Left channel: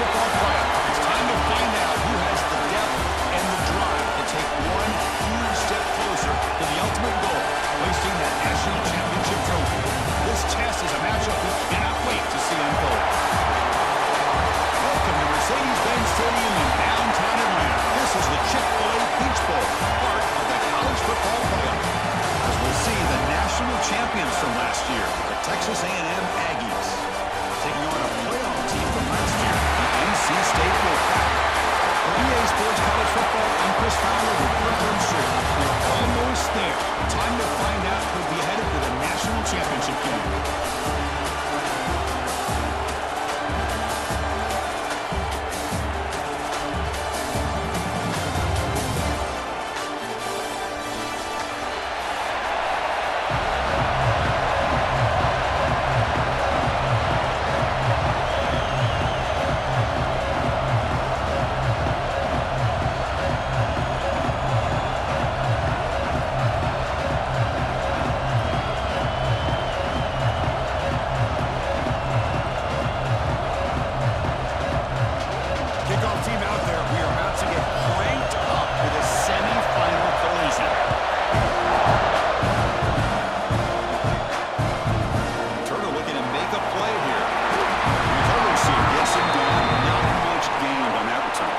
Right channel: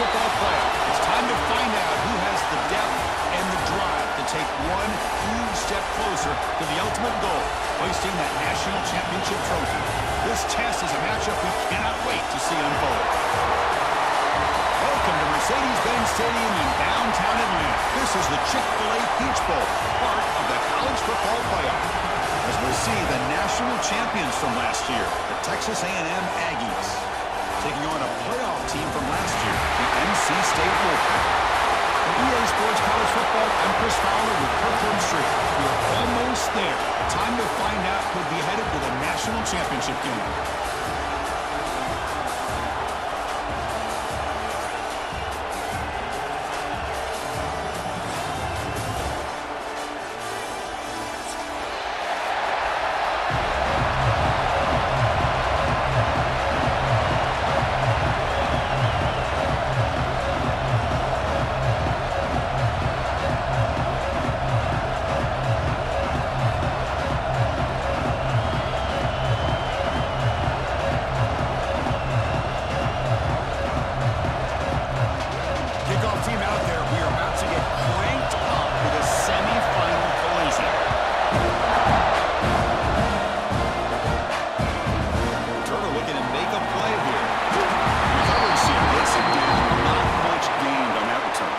football playoff. It's time to find out who has the depth and the drive to take one huge step closer to the ultimate goal, hoisting that national championship trophy. This test is a matchup we cannot wait to see unfold. Welcome to Mercedes-Benz Stadium in downtown Atlanta. This is the Chick-fil-A Peach Bowl, part of the college football playoff. As we'll see the national champions from last year, the Texas A&M Aggies, taking on a playoff team from last year, the NC State Wolfpack. For EA Sports College Football, I'm Chris Fowler with Kirkland Street. We're almost there. Time to find out who'll be headed to the national championship game. Team out there, we are about to get cranked up with a semi-final collision. Turner looking to make a play here. The recovery team gets him down. Not much gained on that return.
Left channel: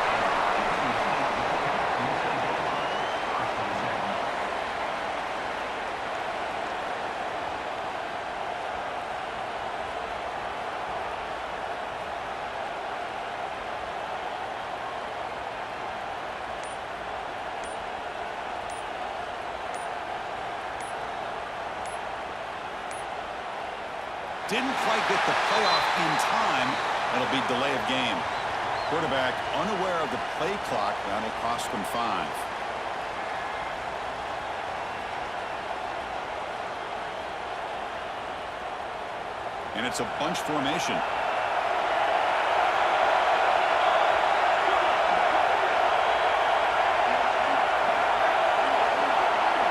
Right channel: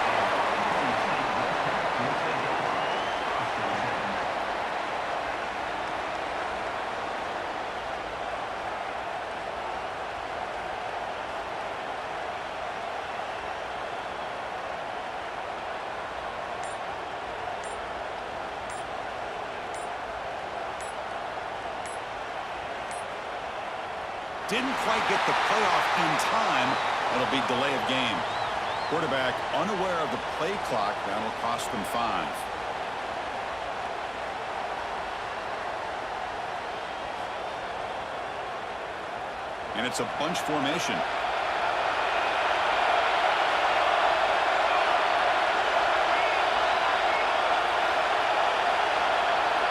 Didn't quite get the playoff in time. It'll be delay of game. Quarterback unaware of the play clock. That'll cost them 5. And it's a bunch formation.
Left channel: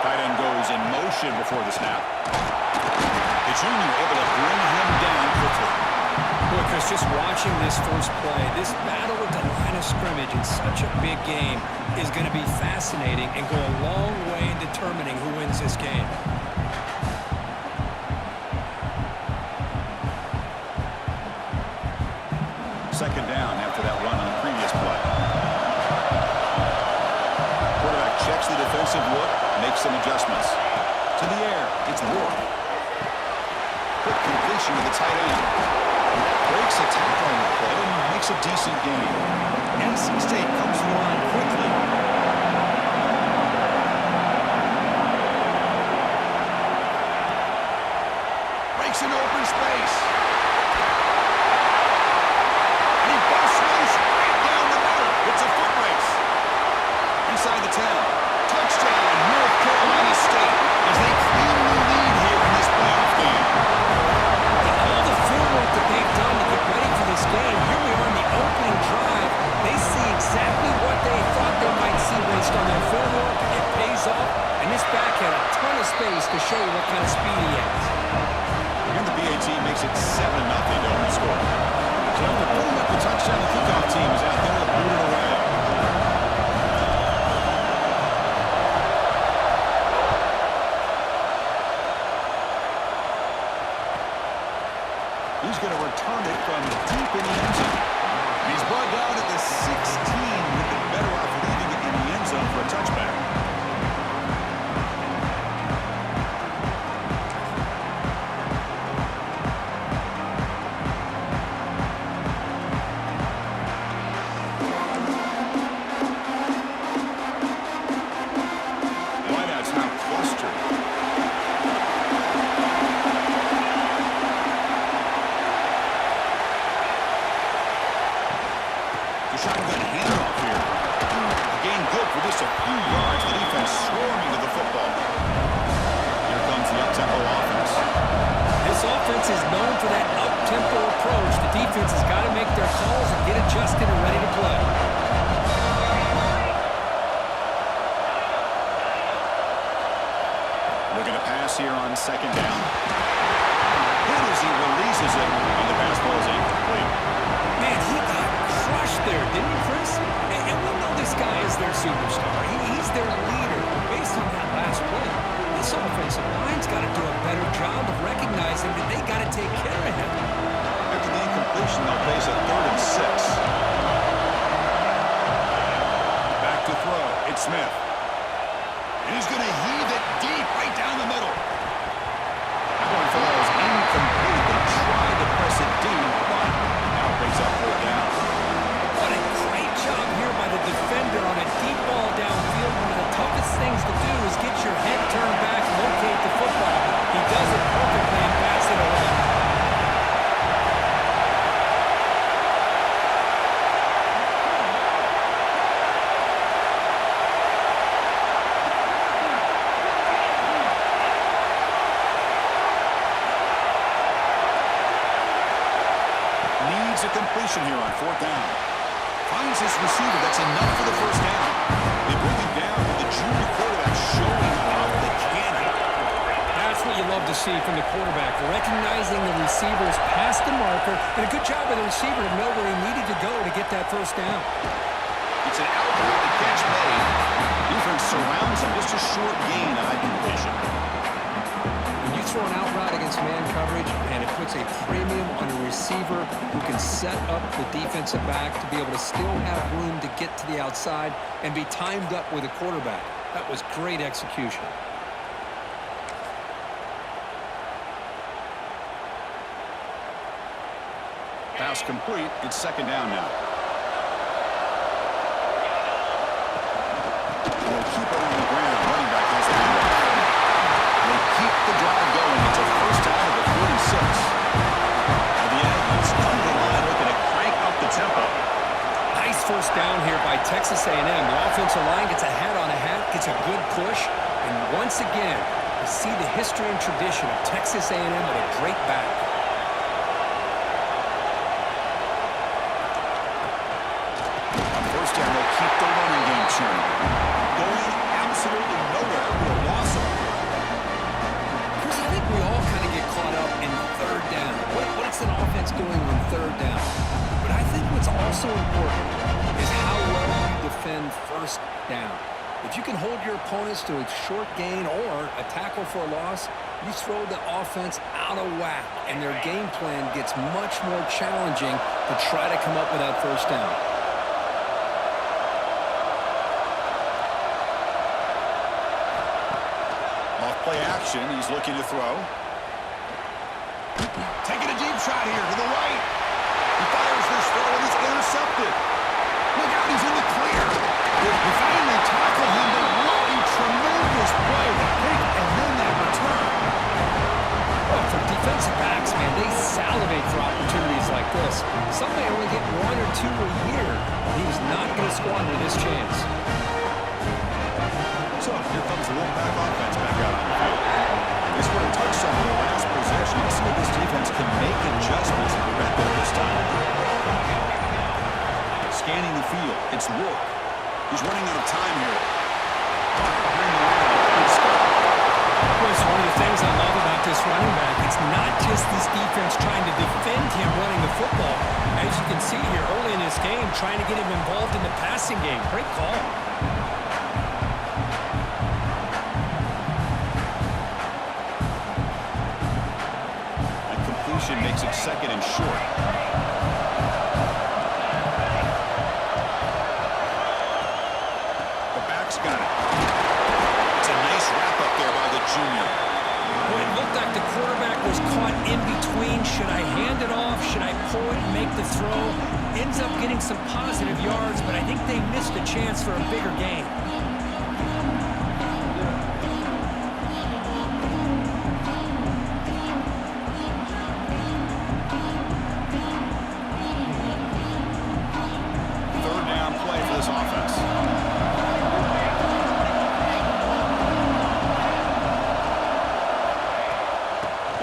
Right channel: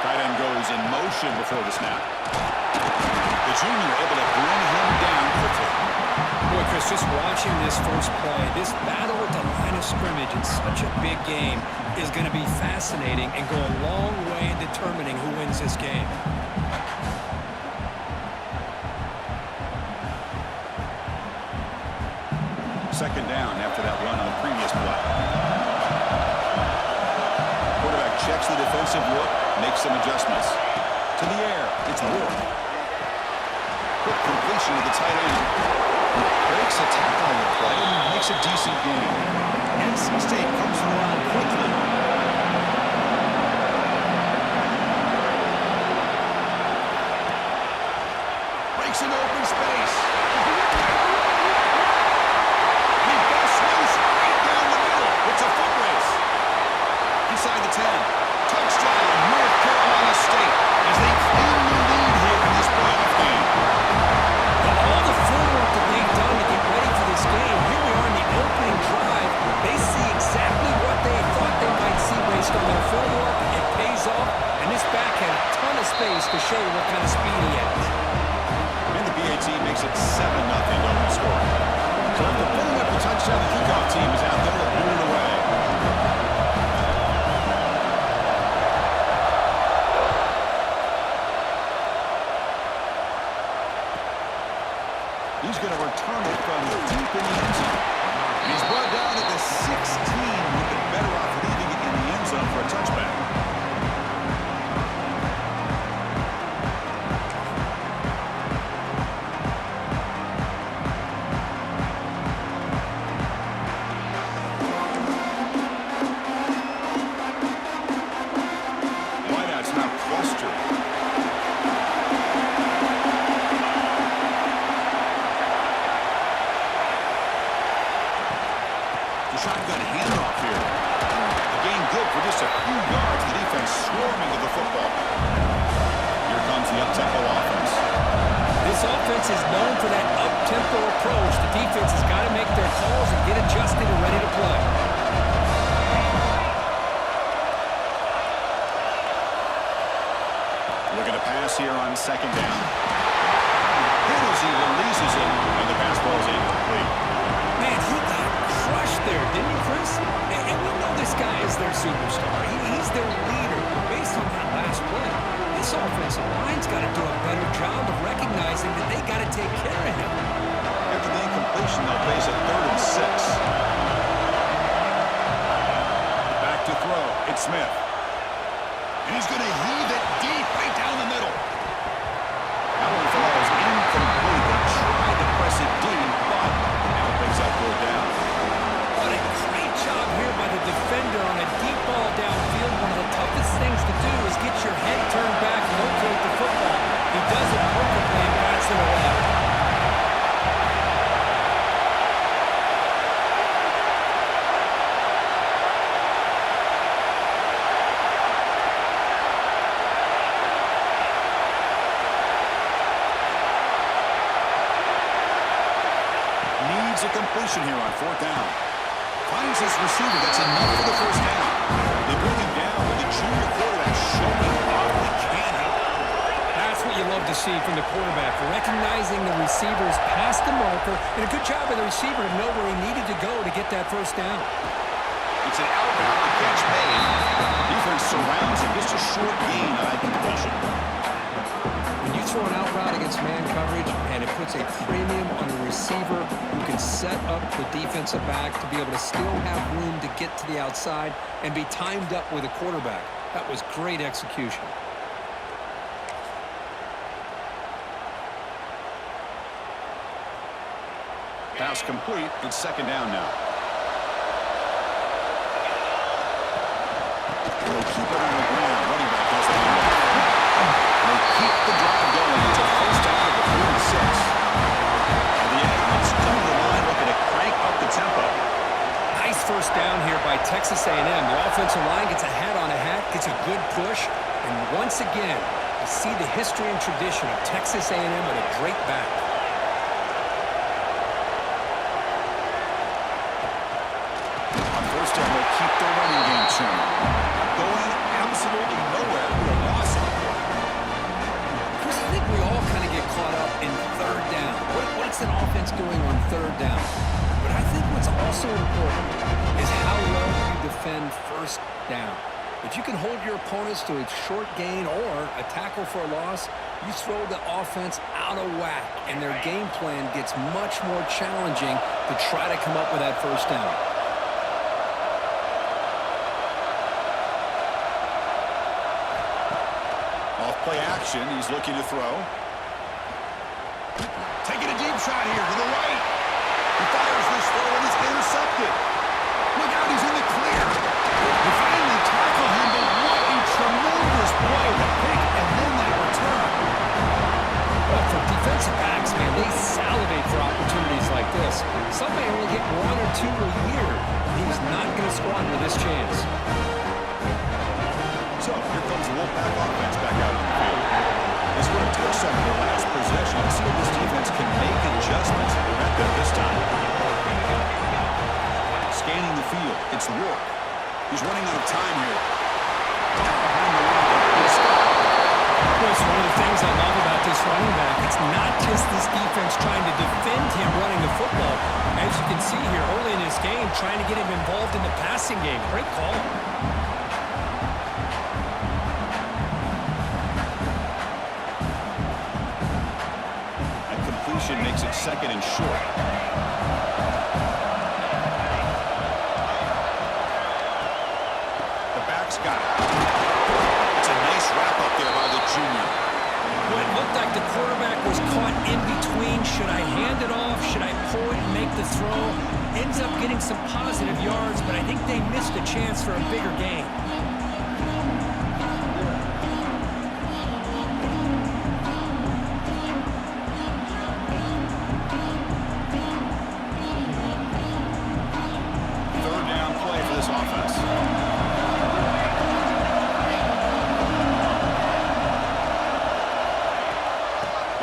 Tight end goes in motion before the snap. The junior able to bring him down quickly. Boy, Chris, just watching this first play, this battle at the line of scrimmage in such a big game is going to be fascinating and go a long way in determining who wins this game. Second down after that run on the previous play. Quarterback checks the defensive look, makes some adjustments. To the air, it's Ward. Quick completion to the tight end. Breaks a tackle on the play and makes a decent gain. NC State comes to the line quickly. Breaks an open space. And he busts loose right down the middle. It's a foot race. Inside the 10. Touchdown, North Carolina State, as they cleanly lead here in this playoff game. All the footwork that they've done to get ready for this game, here we are in the opening drive. They see exactly what they thought they might see based on their film work. It pays off, and this back had a ton of space to show you what kind of speed he has. And the BAT makes it 7-0 to open the score. So after putting up the touchdown, the kickoff team is out there to boot it away. He's going to return it from deep in the end zone. And he's brought down at the 16. Would have been better off leaving it in the end zone for a touchback. Wideout's now clustered. Shotgun handoff here. A gain good for just a few yards. The defense swarming to the football. Here comes the up-tempo offense. This offense is known for that up-tempo approach. The defense has got to make their calls and get adjusted and ready to play. Looking to pass here on second down. Hit as he releases it, and the pass ball is incomplete. Man, he got didn't he, Chris? And we know this guy is their superstar. He's their leader. But based on that last play, this offensive line's got to do a better job of recognizing that they got to take care of him. After the incompletion, they'll face a 3rd and 6. Back to throw. It's Smith. And he's going to heave it deep right down the middle. That one falls incomplete. They tried to press it deep, but now it brings up 4th down. What a great job here by the defender on a deep ball downfield. One of the toughest things to do is get your head turned back, locate the football. He does it perfectly and bats it away. Needs a completion here on 4th down. Finds his receiver. That's enough for the 1st down. They bring him down with the junior quarterback showing off the cannon. That's what you love to see from the quarterback, recognizing the receivers past the marker, and a good job by the receiver to know where he needed to go to get that 1st down. It's an outbound. The catch made. Defense surrounds him. Just a short gain on that completion. When you throw an out route against man coverage, and it puts a premium on a receiver who can set up the defensive back to be able to still have room to get to the outside and be timed up with a quarterback. That was great execution. Pass complete. It's 2nd down now. They'll keep it on the ground. Running back has the handle. They keep the drive going until 1st down of the 46. And the Aggies come to the line looking to crank up the tempo. Nice 1st down here by Texas A&M. The offensive line gets a hat on a hat, gets a good push, and once again, you see the history and tradition of Texas A&M with a great back. On 1st down, they'll keep the running game churning. Going absolutely nowhere with a loss of a play. Chris, I think we all kind of get caught up in 3rd down. What's an offense doing on 3rd down? But I think what's also important is how well you defend 1st down. If you can hold your opponents to a short gain or a tackle for a loss, you throw the offense out of whack, and their game plan gets much more challenging to try to come up with that 1st down. Off-play action. He's looking to throw. Taking a deep shot here to the right. He fires this throw and it's intercepted. Look out, he's in the clear. They finally tackle him, but what a tremendous play. The pick and then that return. Well, for defensive backs, man, they salivate for opportunities like this. Some may only get 1 or 2 a year. He was not going to squander this chance. So, here comes the Wolfpack offense back out on the field. They scored a touchdown in their last possession. Let's see if this defense can make adjustments to prevent them this time. Scanning the field, it's Rourke. He's running out of time here. Caught behind the line. Good stop. Chris, one of the things I love about this running back, it's not just this defense trying to defend him running the football. As you can see here early in this game, trying to get him involved in the passing game. Great call. Makes it 2nd and short. The back's got it. It's a nice wrap up there by the junior. Well, it looked like the quarterback was caught in between. Should I hand it off? Should I pull it and make the throw? Ends up getting some positive yards, but I think they missed a chance for a bigger gain.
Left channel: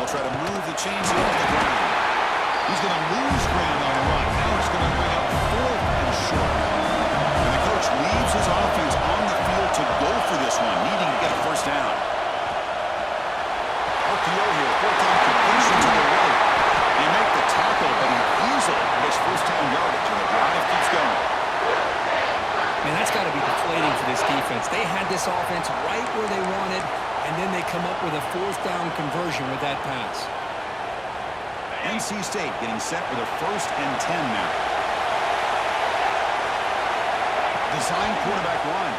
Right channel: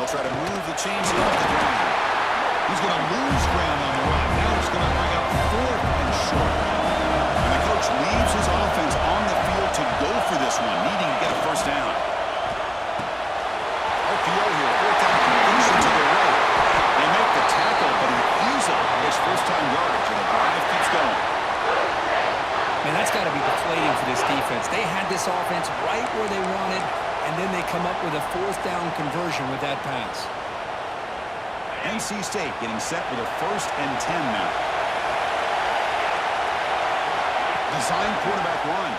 Try to move the chains here off the ground. He's going to lose ground on the run. Now it's going to bring up 4th and short. And the coach leaves his offense on the field to go for this one, needing to get a 1st down. RPO here, 4th down completion to the right. They make the tackle, but he easily gets 1st down yardage, and the drive keeps going. Man, that's got to be deflating for this defense. They had this offense right where they wanted, and then they come up with a fourth down conversion with that pass. NC State getting set with a 1st and 10 now. Design quarterback run.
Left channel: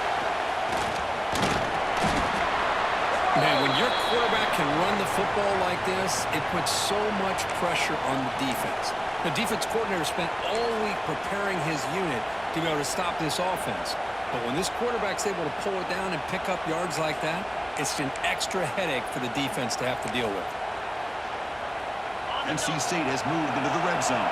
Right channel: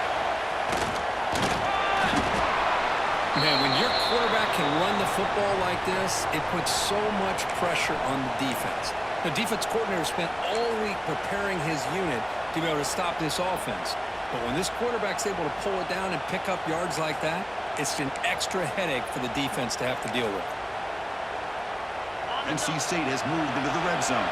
Man, when your quarterback can run the football like this, it puts so much pressure on the defense. The defense coordinator spent all week preparing his unit to be able to stop this offense. But when this quarterback's able to pull it down and pick up yards like that, it's an extra headache for the defense to have to deal with. NC State has moved into the red zone.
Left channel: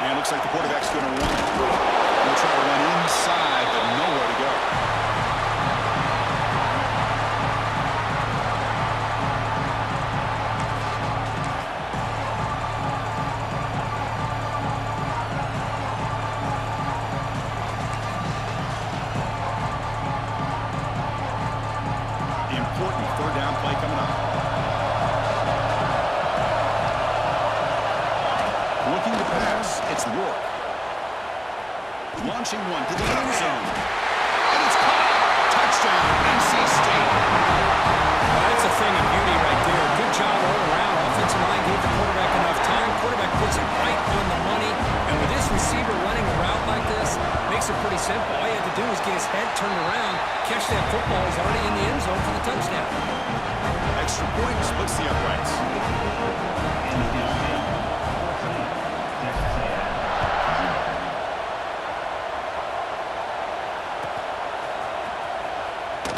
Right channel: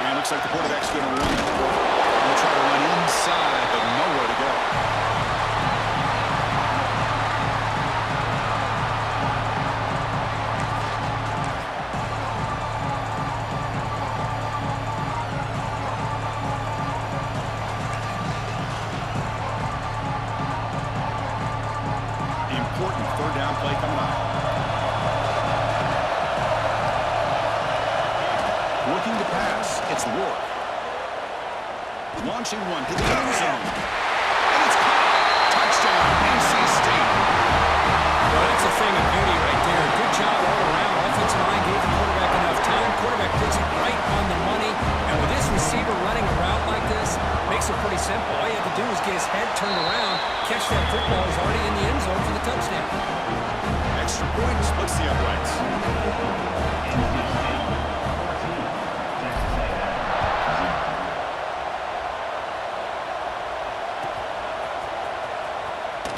And it looks like the quarterback's going to run it. He'll try to run inside, but nowhere to go. Important 3rd down play coming up. Looking to pass, it's Rourke. Launching one to the end zone. And it's caught. Touchdown, NC State. Well, that's a thing of beauty right there. Good job all around. Offensive line gave the quarterback enough time. Quarterback puts it right on the money. And with this receiver running a route like this, makes it pretty simple. All you have to do is get his head turned around, catch that football. He's already in the end zone for the touchdown. Extra point splits the uprights.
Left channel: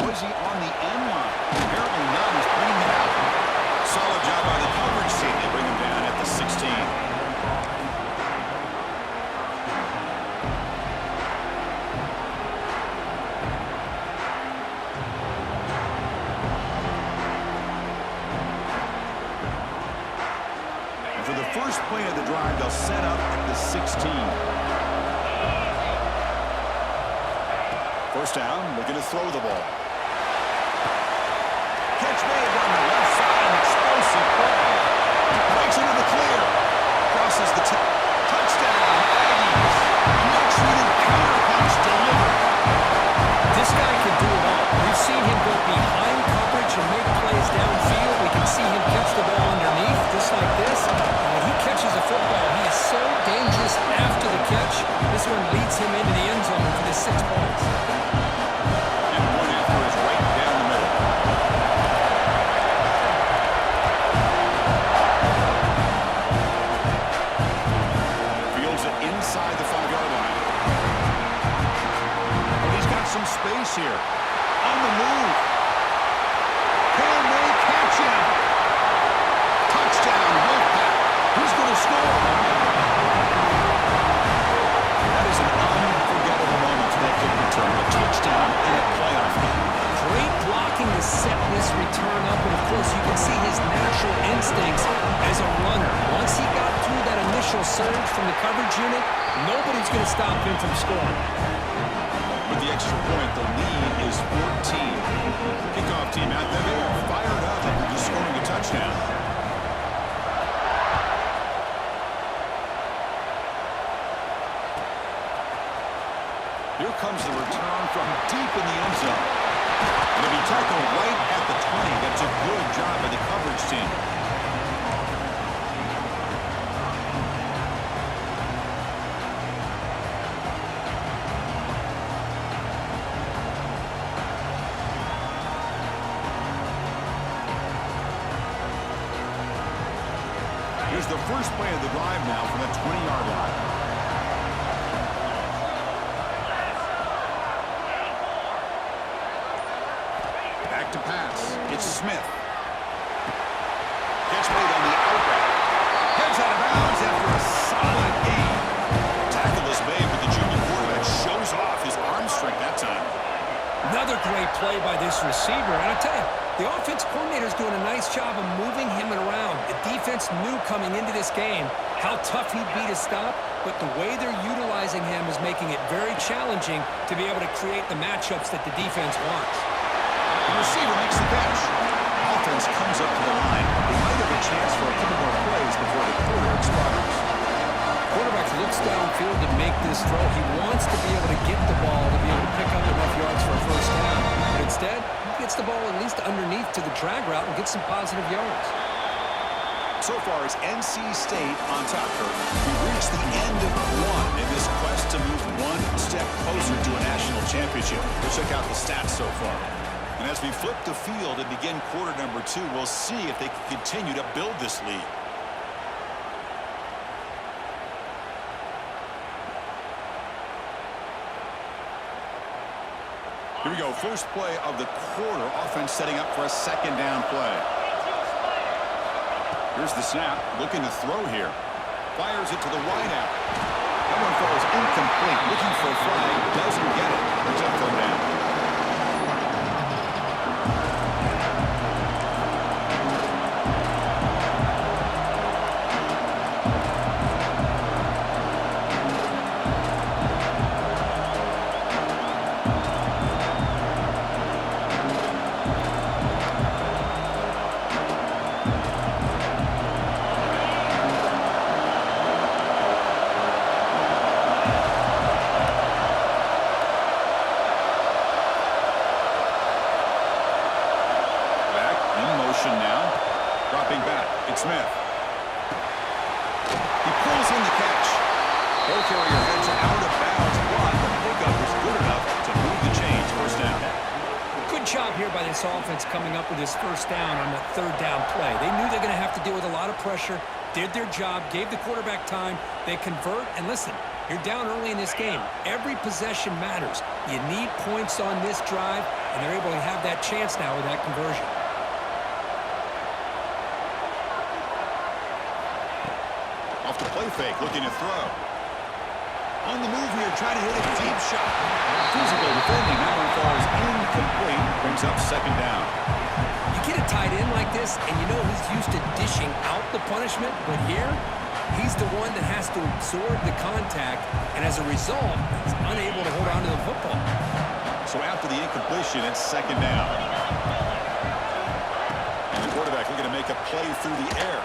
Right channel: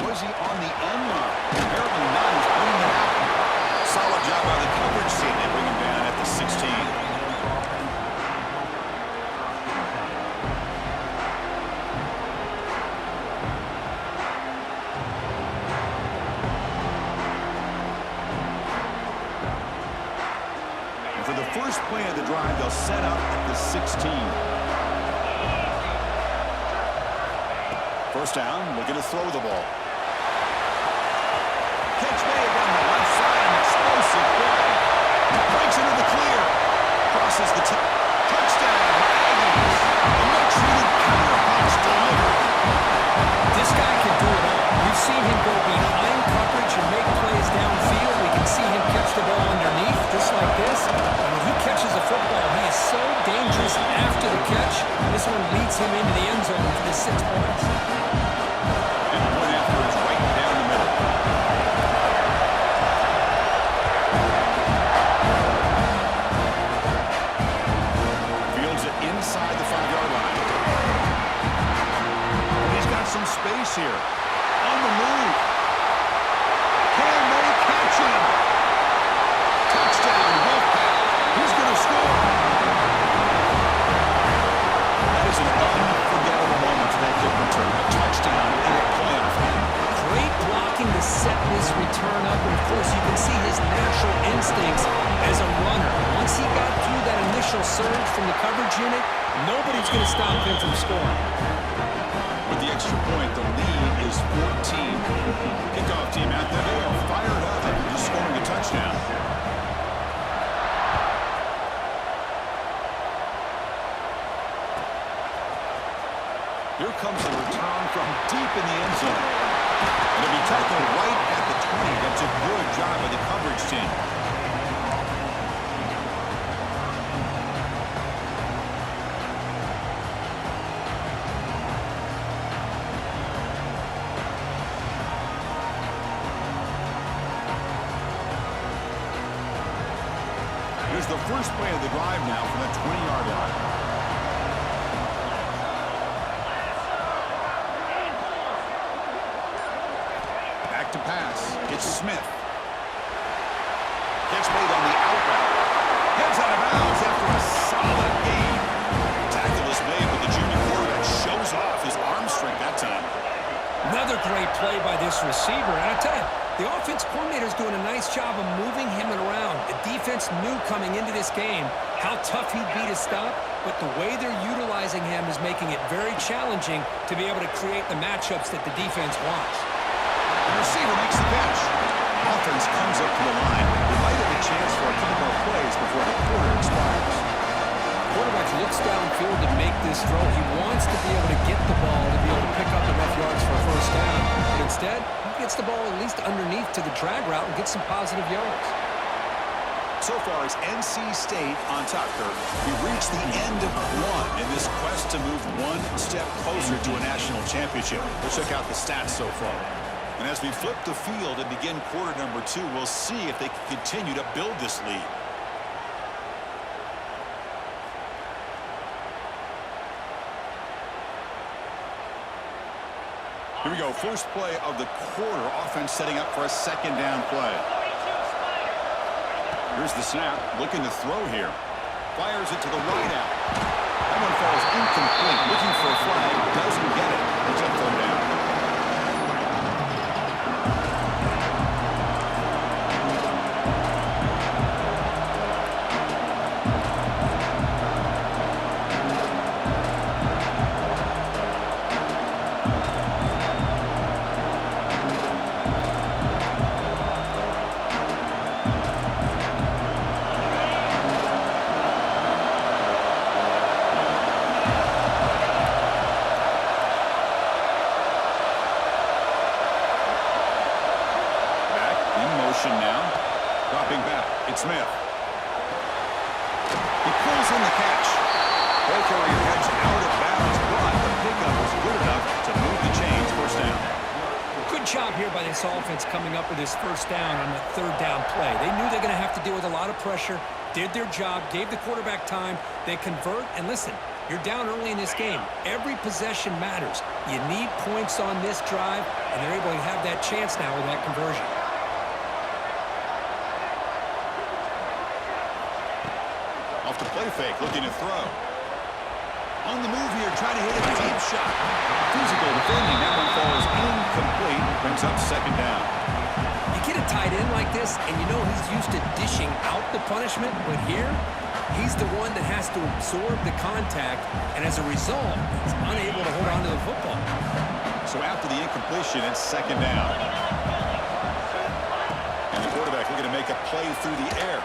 Was he on the end line? Apparently not. He's bringing it out. Solid job by the coverage team. They bring him down at the 16. And for the first play of the drive, they'll set up at the 16. First down, looking to throw the ball. Catch made on the left side, an explosive play. Breaks into the clear. Crosses the touchdown, Aggies. A much-needed counterpunch delivered. This guy can do it all. We've seen him go behind coverage and make plays downfield. We can see him catch the ball underneath, just like this. And when he catches a football, he is so dangerous after the catch. This one leads him into the end zone for the 6 points. And the point after is right down the middle. Fields it inside the 5-yard line. And he's got some space here. On the move. Can they catch him? Touchdown, Wolfpack. Who's going to score? That is an unforgettable moment for that kick return. A touchdown in a playoff game. Great blocking to set this return up, and of course you can see his natural instincts as a runner. Once he got through that initial surge from the coverage unit, nobody's going to stop him from scoring. With the extra point, the lead is 14. Kickoff team out there, they are fired up after just scoring a touchdown. Here comes the return from deep in the end zone. And it'll be tackled right at the 20. That's a good job by the coverage team. Here's the first play of the drive now from the 20-yard line. Back to pass. It's Smith. Catch made on the out route. Heads out of bounds after a solid gain. Tackle is made, but the junior quarterback shows off his arm strength that time. Another great play by this receiver. And I tell you, the offense coordinator's doing a nice job of moving him around. The defense knew coming into this game how tough he'd be to stop, but the way they're utilizing him is making it very challenging to be able to create the matchups that the defense wants. The receiver makes the catch. Offense comes up to the line. They might have a chance for a couple more plays before the quarter expires. Quarterback looks downfield to make this throw. He wants to be able to get the ball to be able to pick up enough yards for a first down. But instead, he gets the ball at least underneath to the drag route and gets some positive yards. So far, it's NC State on top, Kurt. We've reached the end of one in this quest to move one step closer to a national championship. Let's check out the stats so far. And as we flip the field and begin quarter number 2, we'll see if they can continue to build this lead. Here we go. First play of the quarter. Offense setting up for a second down play. Here's the snap. Looking to throw here. Fires it to the wideout. That one falls incomplete. Looking for a flag. Doesn't get it. It's up third down. Now, dropping back, it's Smith. He pulls in the catch. Ball carrier heads out of bounds, but the pickup was good enough to move the chains. First down. Good job here by this offense coming up with this first down on the third down play. They knew they're going to have to deal with a lot of pressure, did their job, gave the quarterback time. They convert, and listen, you're down early in this game. Every possession matters. You need points on this drive, and they're able to have that chance now with that conversion. Off the play fake, looking to throw. On the move here, trying to hit a deep shot. Physical defending, that one falls incomplete. Brings up second down. You get a tight end like this, and you know he's used to dishing out the punishment, but here, he's the one that has to absorb the contact, and as a result, he's unable to hold on to the football. So after the incompletion, it's second down. And the quarterback looking to make a play through the air.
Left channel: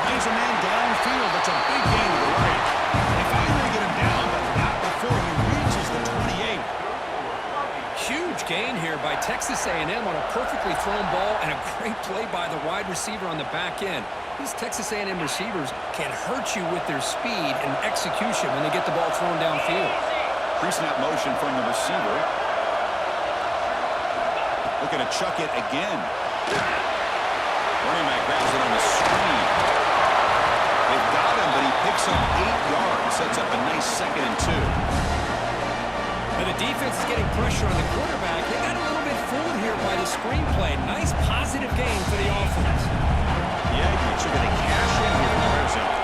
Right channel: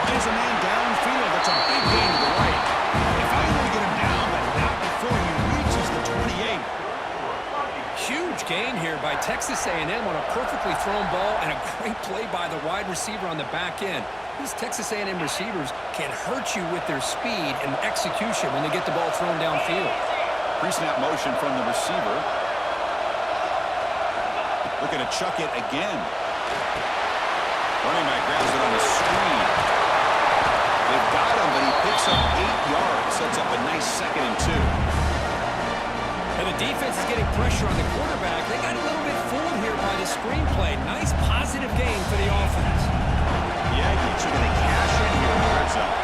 Finds a man downfield. That's a big gain to the right. They finally get him down, but not before he reaches the 28. Huge gain here by Texas A&M on a perfectly thrown ball and a great play by the wide receiver on the back end. These Texas A&M receivers can hurt you with their speed and execution when they get the ball thrown downfield. Pre-snap motion from the receiver. Looking to chuck it again. Running back grabs it on the screen. They've got him, but he picks up 8 yards. Sets up a nice 2nd and 2. And the defense is getting pressure on the quarterback. They got a little bit fooled here by the screenplay. Nice positive gain for the offense. The Aggies are going to cash in here in the red zone.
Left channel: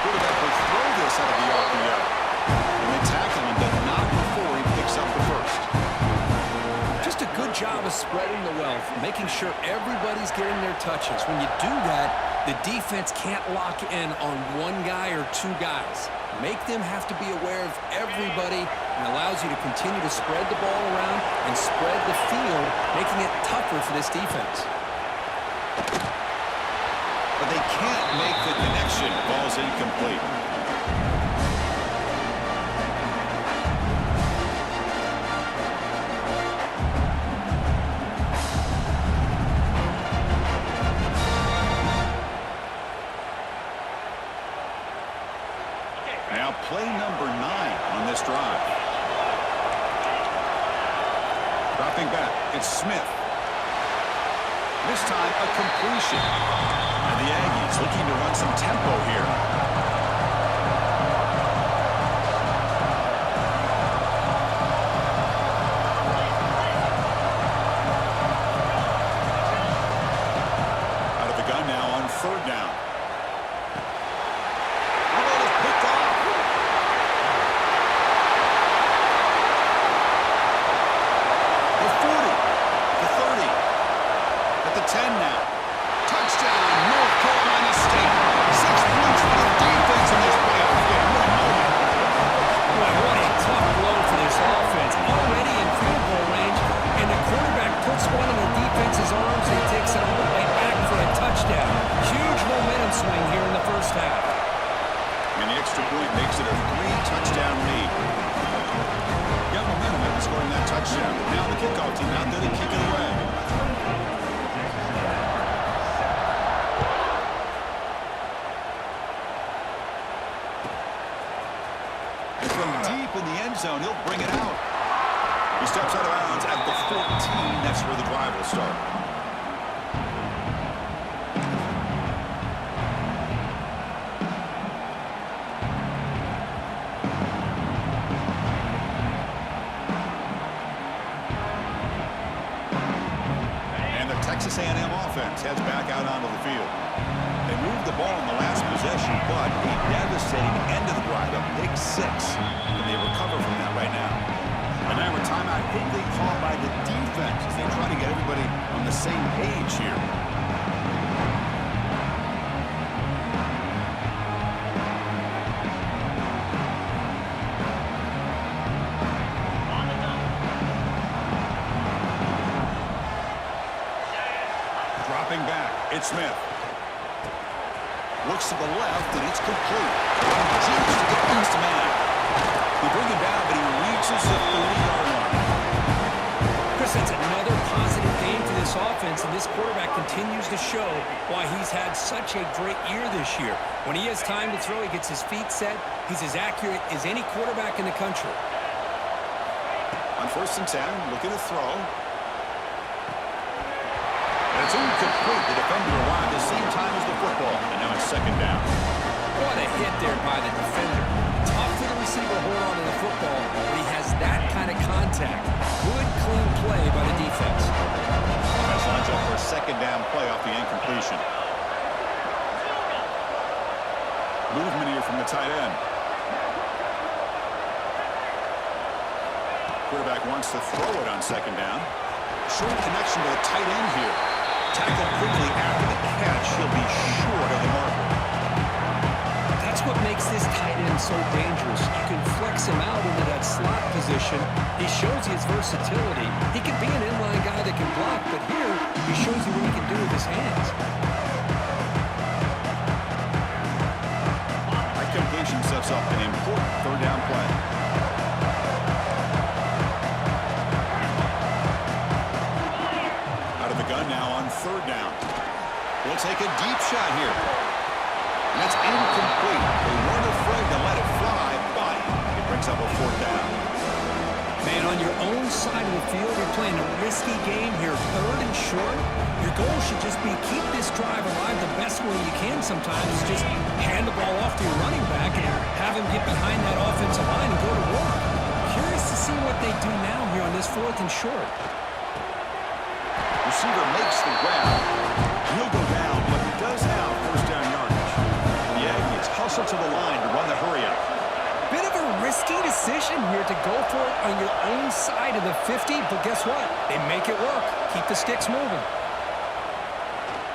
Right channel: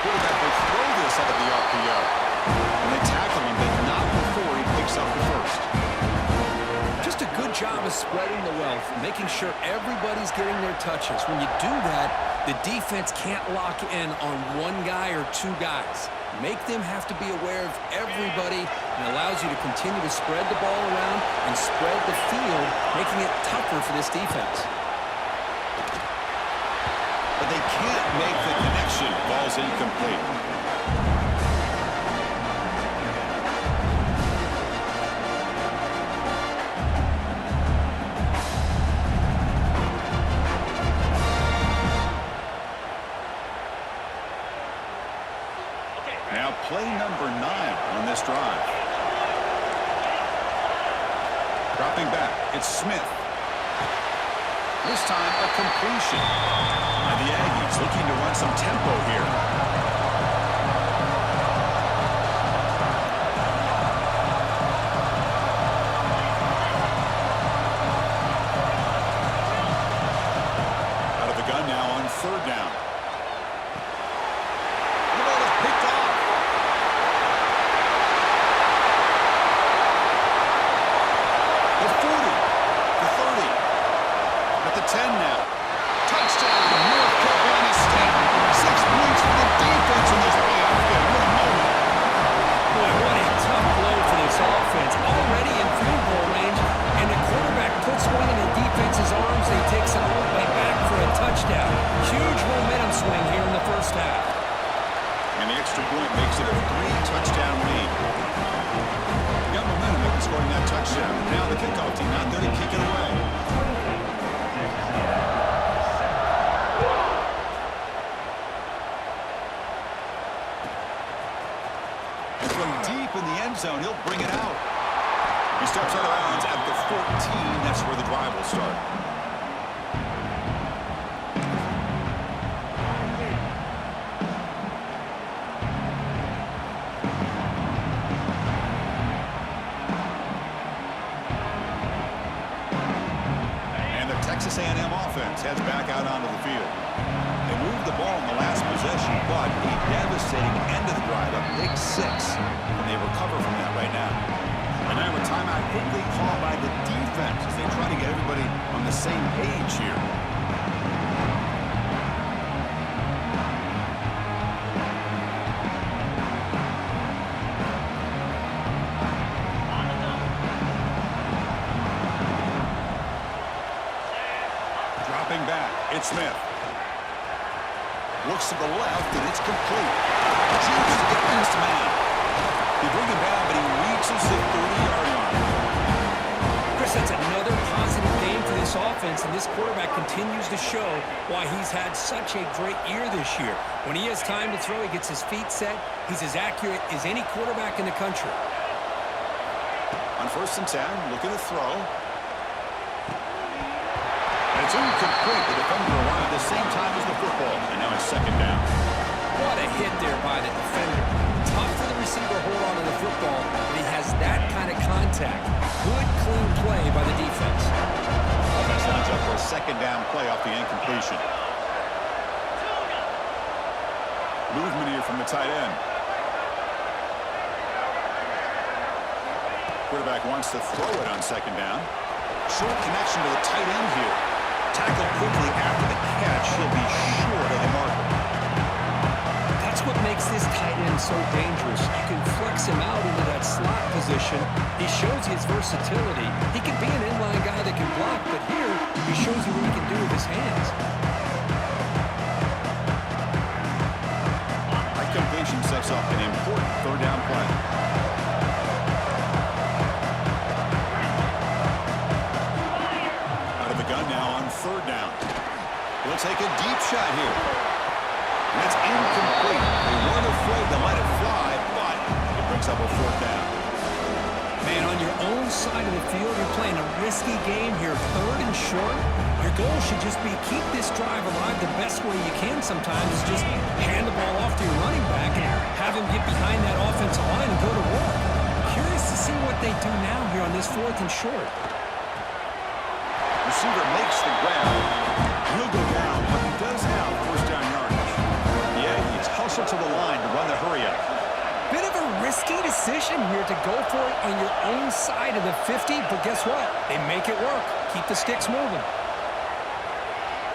Quarterback will throw this out of the RPO. And they tackle him, but not before he picks up the first. Just a good job of spreading the wealth, making sure everybody's getting their touches. When you do that, the defense can't lock in on one guy or two guys. Make them have to be aware of everybody, and allows you to continue to spread the ball around and spread the field, making it tougher for this defense. But they can't make the connection. Ball's incomplete. Now play number 9 on this drive. Dropping back, it's Smith. This time a completion. And the Aggies looking to run some tempo here. Out of the gun now on third down. The ball is picked off. The 40, the 30, at the 10 now. Touchdown, North Carolina State. 6 points for the defense in this playoff game. What a moment. Boy, what a tough blow for this offense. Already in field goal range, and the quarterback puts one in the defense's arms, and he takes it all the way back for a touchdown. downswing here in the first half. And the extra point makes it a 3-touchdown lead. Got momentum after scoring that touchdown. Now the kickoff team out there to kick it away. And from deep in the end zone, he'll bring it out. He steps out of bounds at the 14. That's where the drive will start. Texas A&M offense heads back out onto the field. They moved the ball in the last possession, but a devastating end of the drive, a big 6. And they recover from that right now. And now a timeout quickly called by the defense as they try to get everybody on the same page here. Dropping back, it's Smith. Looks to the left, and it's complete. Chooses to get past the man. They bring him down, but he reaches the 30-yard line. Chris, that's another positive game for this offense, and this quarterback continues to show why he's had such a great year this year. When he has time to throw, he gets his feet set. He's as accurate as any quarterback in the country. On 1st and 10, looking to throw. And it's incomplete. The defender arrived at the same time as the football. And now it's 2nd down. What a hit there by the defender. Tough for the receiver to hold on to the football, but he has that kind of contact. Good, clean play by the defense. Offense lines up for a 2nd down play off the incompletion. Movement here from the tight end. Quarterback wants to throw it on 2nd down. Short connection to the tight end here. Tackled quickly after the catch. He'll be short of the marker. That's what makes this tight end so dangerous. You can flex him out into that slot position. He shows his versatility. He can be an inline guy that can block, but here he shows you what he can do with his hands. That completion sets up an important 3rd down play. Gun now on 3rd down. He'll take a deep shot here. And that's incomplete. They weren't afraid to let it fly, but it brings up a 4th down. Man, on your own side of the field, you're playing a risky game here, 3rd and short. Your goal should just be keep this drive alive the best way you can sometimes is just hand the ball off to your running back and have him get behind that offensive line and go to work. Curious to see what they do now here on this 4th and short. Receiver makes the grab. He'll go down, but he does have 1st down yardage. The Aggies hustle to the line to run the hurry-up. Bit of a risky decision here to go for it on your own side of the 50, but guess what? They make it work. Keep the sticks moving.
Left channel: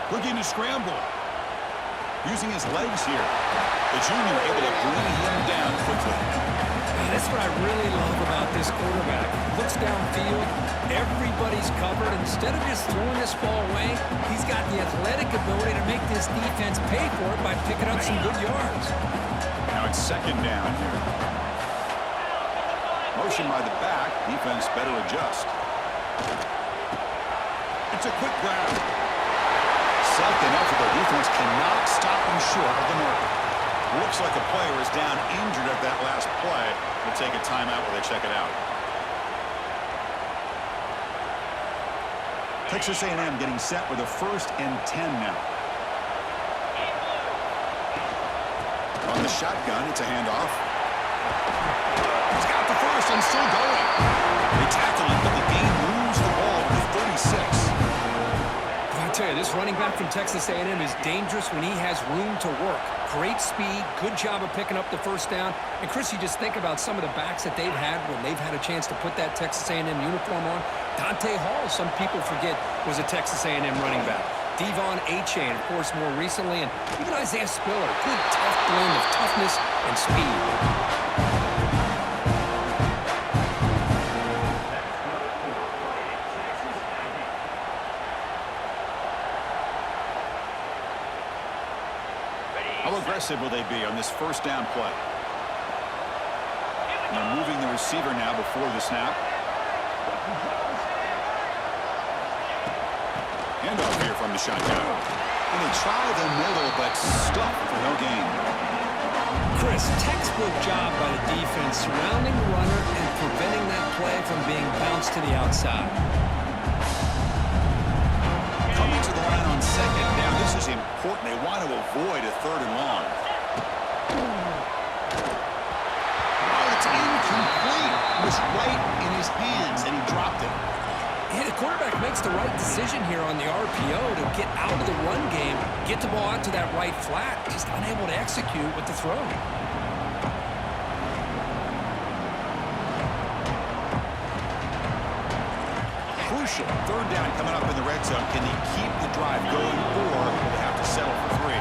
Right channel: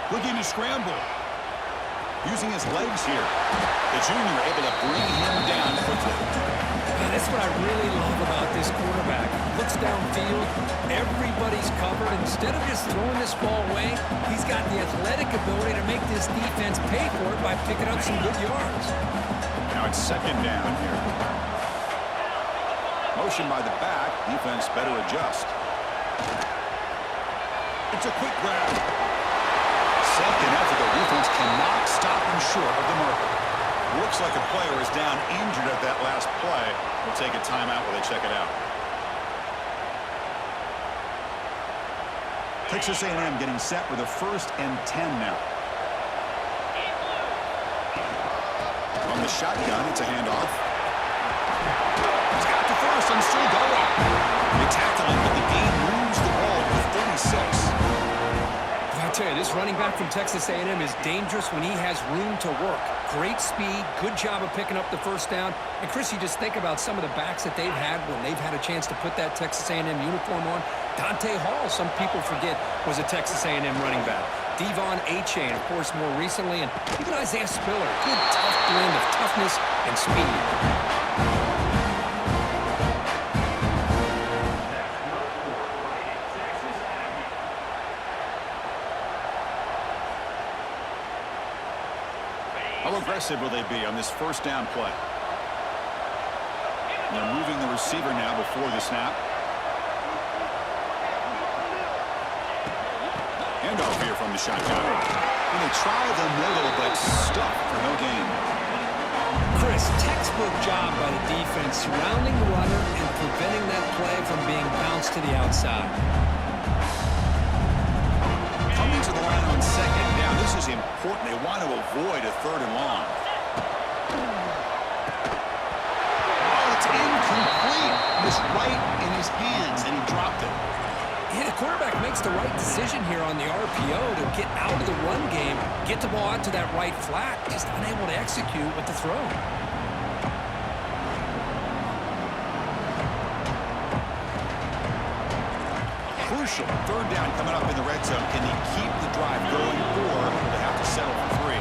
Looking to scramble. Using his legs here. The junior able to bring him down quickly. That's what I really love about this quarterback. Looks downfield, everybody's covered. Instead of just throwing this ball away, he's got the athletic ability to make this defense pay for it by picking up some good yards. Now it's 2nd down here. Motion by the back. Defense better adjust. It's a quick grab. 2nd effort. The defense cannot stop him short of the marker. Looks like a player is down injured at that last play. We'll take a timeout while they check it out. Texas A&M getting set with a 1st and 10 now. On the shotgun, it's a handoff. He's got the 1st and still going. They tackle him, but the gain moves the ball to the 36. I tell you, this running back from Texas A&M is dangerous when he has room to work. Great speed, good job of picking up the 1st down. And, Chris, you just think about some of the backs that they've had when they've had a chance to put that Texas A&M uniform on. Dante Hall, some people forget, was a Texas A&M running back. Devon Achane, of course, more recently. And even Isaiah Spiller, good, tough blend of toughness and speed. How aggressive will they be on this first down play? They're moving the receiver now before the snap. Handoff here from the shotgun. And they try the middle, but stuffed for no gain. Chris, textbook job by the defense surrounding the runner and preventing that play from being bounced to the outside. Coming to the line on second down. This is important. They want to avoid a 3rd and long. Oh, it's incomplete. It was right in his hands, and he dropped it. Yeah, the quarterback makes the right decision here on the RPO to get out of the run game, get the ball out to that right flat, just unable to execute with the throw. Crucial 3rd down coming up in the red zone. Can they keep the drive going, or will they have to settle for 3?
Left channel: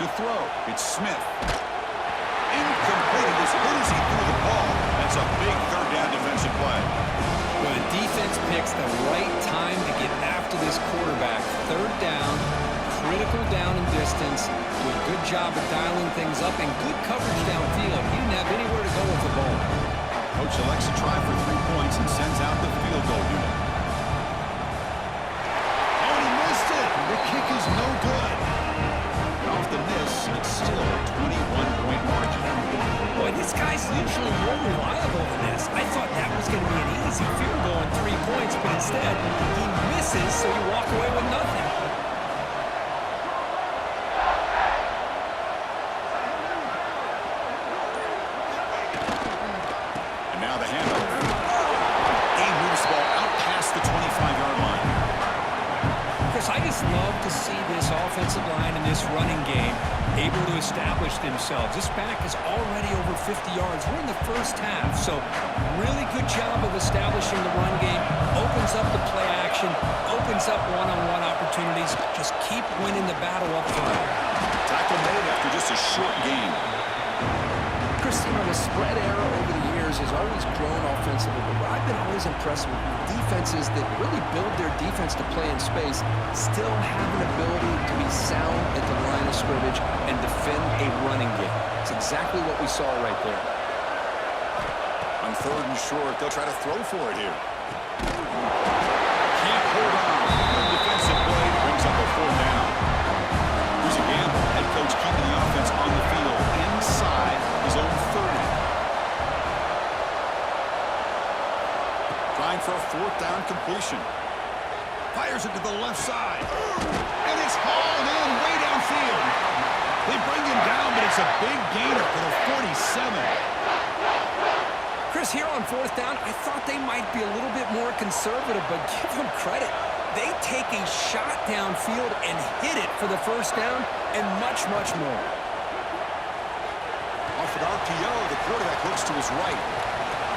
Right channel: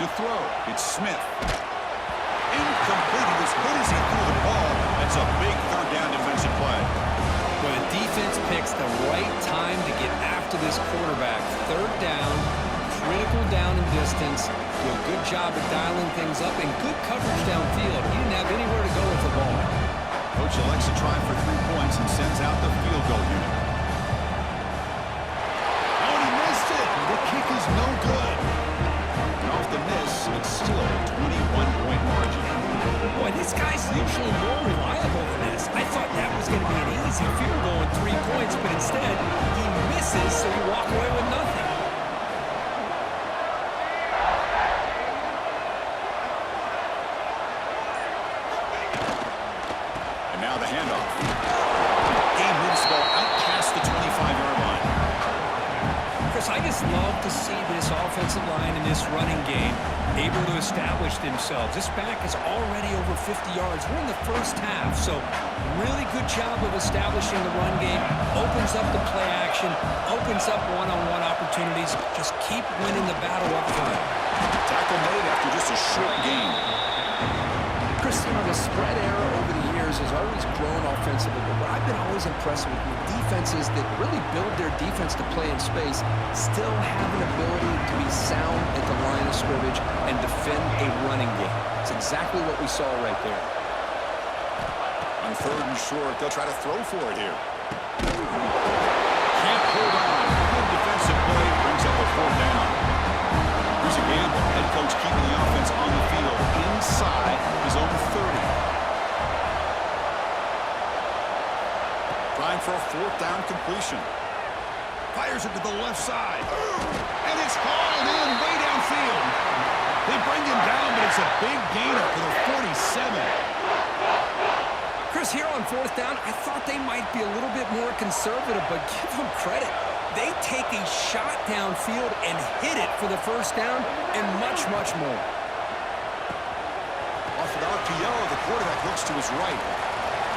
To throw, it's Smith. Incomplete. He was hit as he threw the ball. That's a big 3rd down defensive play. Well, the defense picks the right time to get after this quarterback. 3rd down, critical down and distance. Do a good job of dialing things up and good coverage downfield. He didn't have anywhere to go with the ball. Coach elects to try for 3 points and sends out the field goal unit. Oh, and he missed it. The kick is no good. And off the miss, it's still a 21-point margin. Boy, this guy's usually more reliable than this. I thought that was going to be an easy field goal and 3 points, but instead, he misses, so you walk away with nothing. And now the handoff. He moves the ball out past the 25-yard line. Chris, I just love to see this offensive line in this running game able to establish themselves. This back is already over 50 yards. We're in the first half, so really good job of establishing the run game. Opens up the play action, opens up one-on-one opportunities. Just keep winning the battle up front. Tackle made after just a short gain. Chris, you know, the spread era over the years has always grown offensively, but what I've been always impressed with defenses that really build their defense to play in space still have an ability to be sound at the line of scrimmage and defend a running game. It's exactly what we saw right there. On 3rd and short, they'll try to throw for it here. Can't hold on. Good defensive play brings up a 4th down. Here's a gamble. Head coach keeping the offense on the field inside his own 30. Trying for a 4th down completion. Fires it to the left side. And it's hauled in way downfield. They bring him down, but it's a big gainer for the 47. Chris, here on 4th down, I thought they might be a little bit more conservative, but give them credit. They take a shot downfield and hit it for the 1st down and much, much more. Off an RPO, the quarterback looks to his right.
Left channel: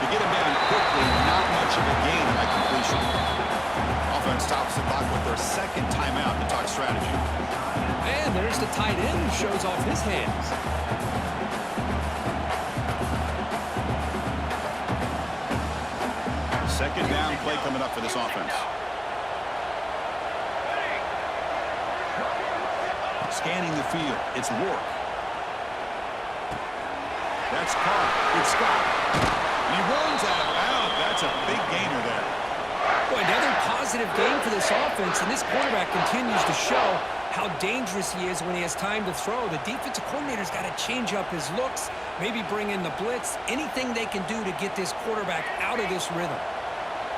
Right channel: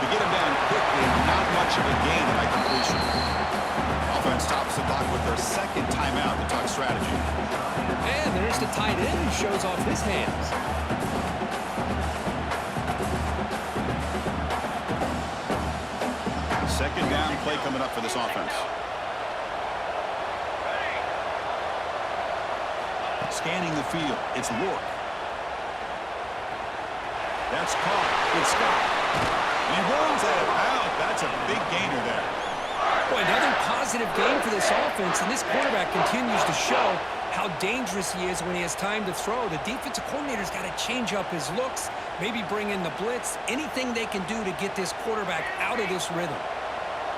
To get him down quickly, not much of a gain on that completion. Offense tops the clock with their 2nd timeout to talk strategy. And there's the tight end who shows off his hands. Second down play coming up for this offense. Scanning the field, it's Rourke. That's caught. It's Scott. And he runs out of bounds. That's a big gainer there. Boy, another positive game for this offense, and this quarterback continues to show how dangerous he is when he has time to throw. The defensive coordinator's got to change up his looks, maybe bring in the blitz, anything they can do to get this quarterback out of this rhythm.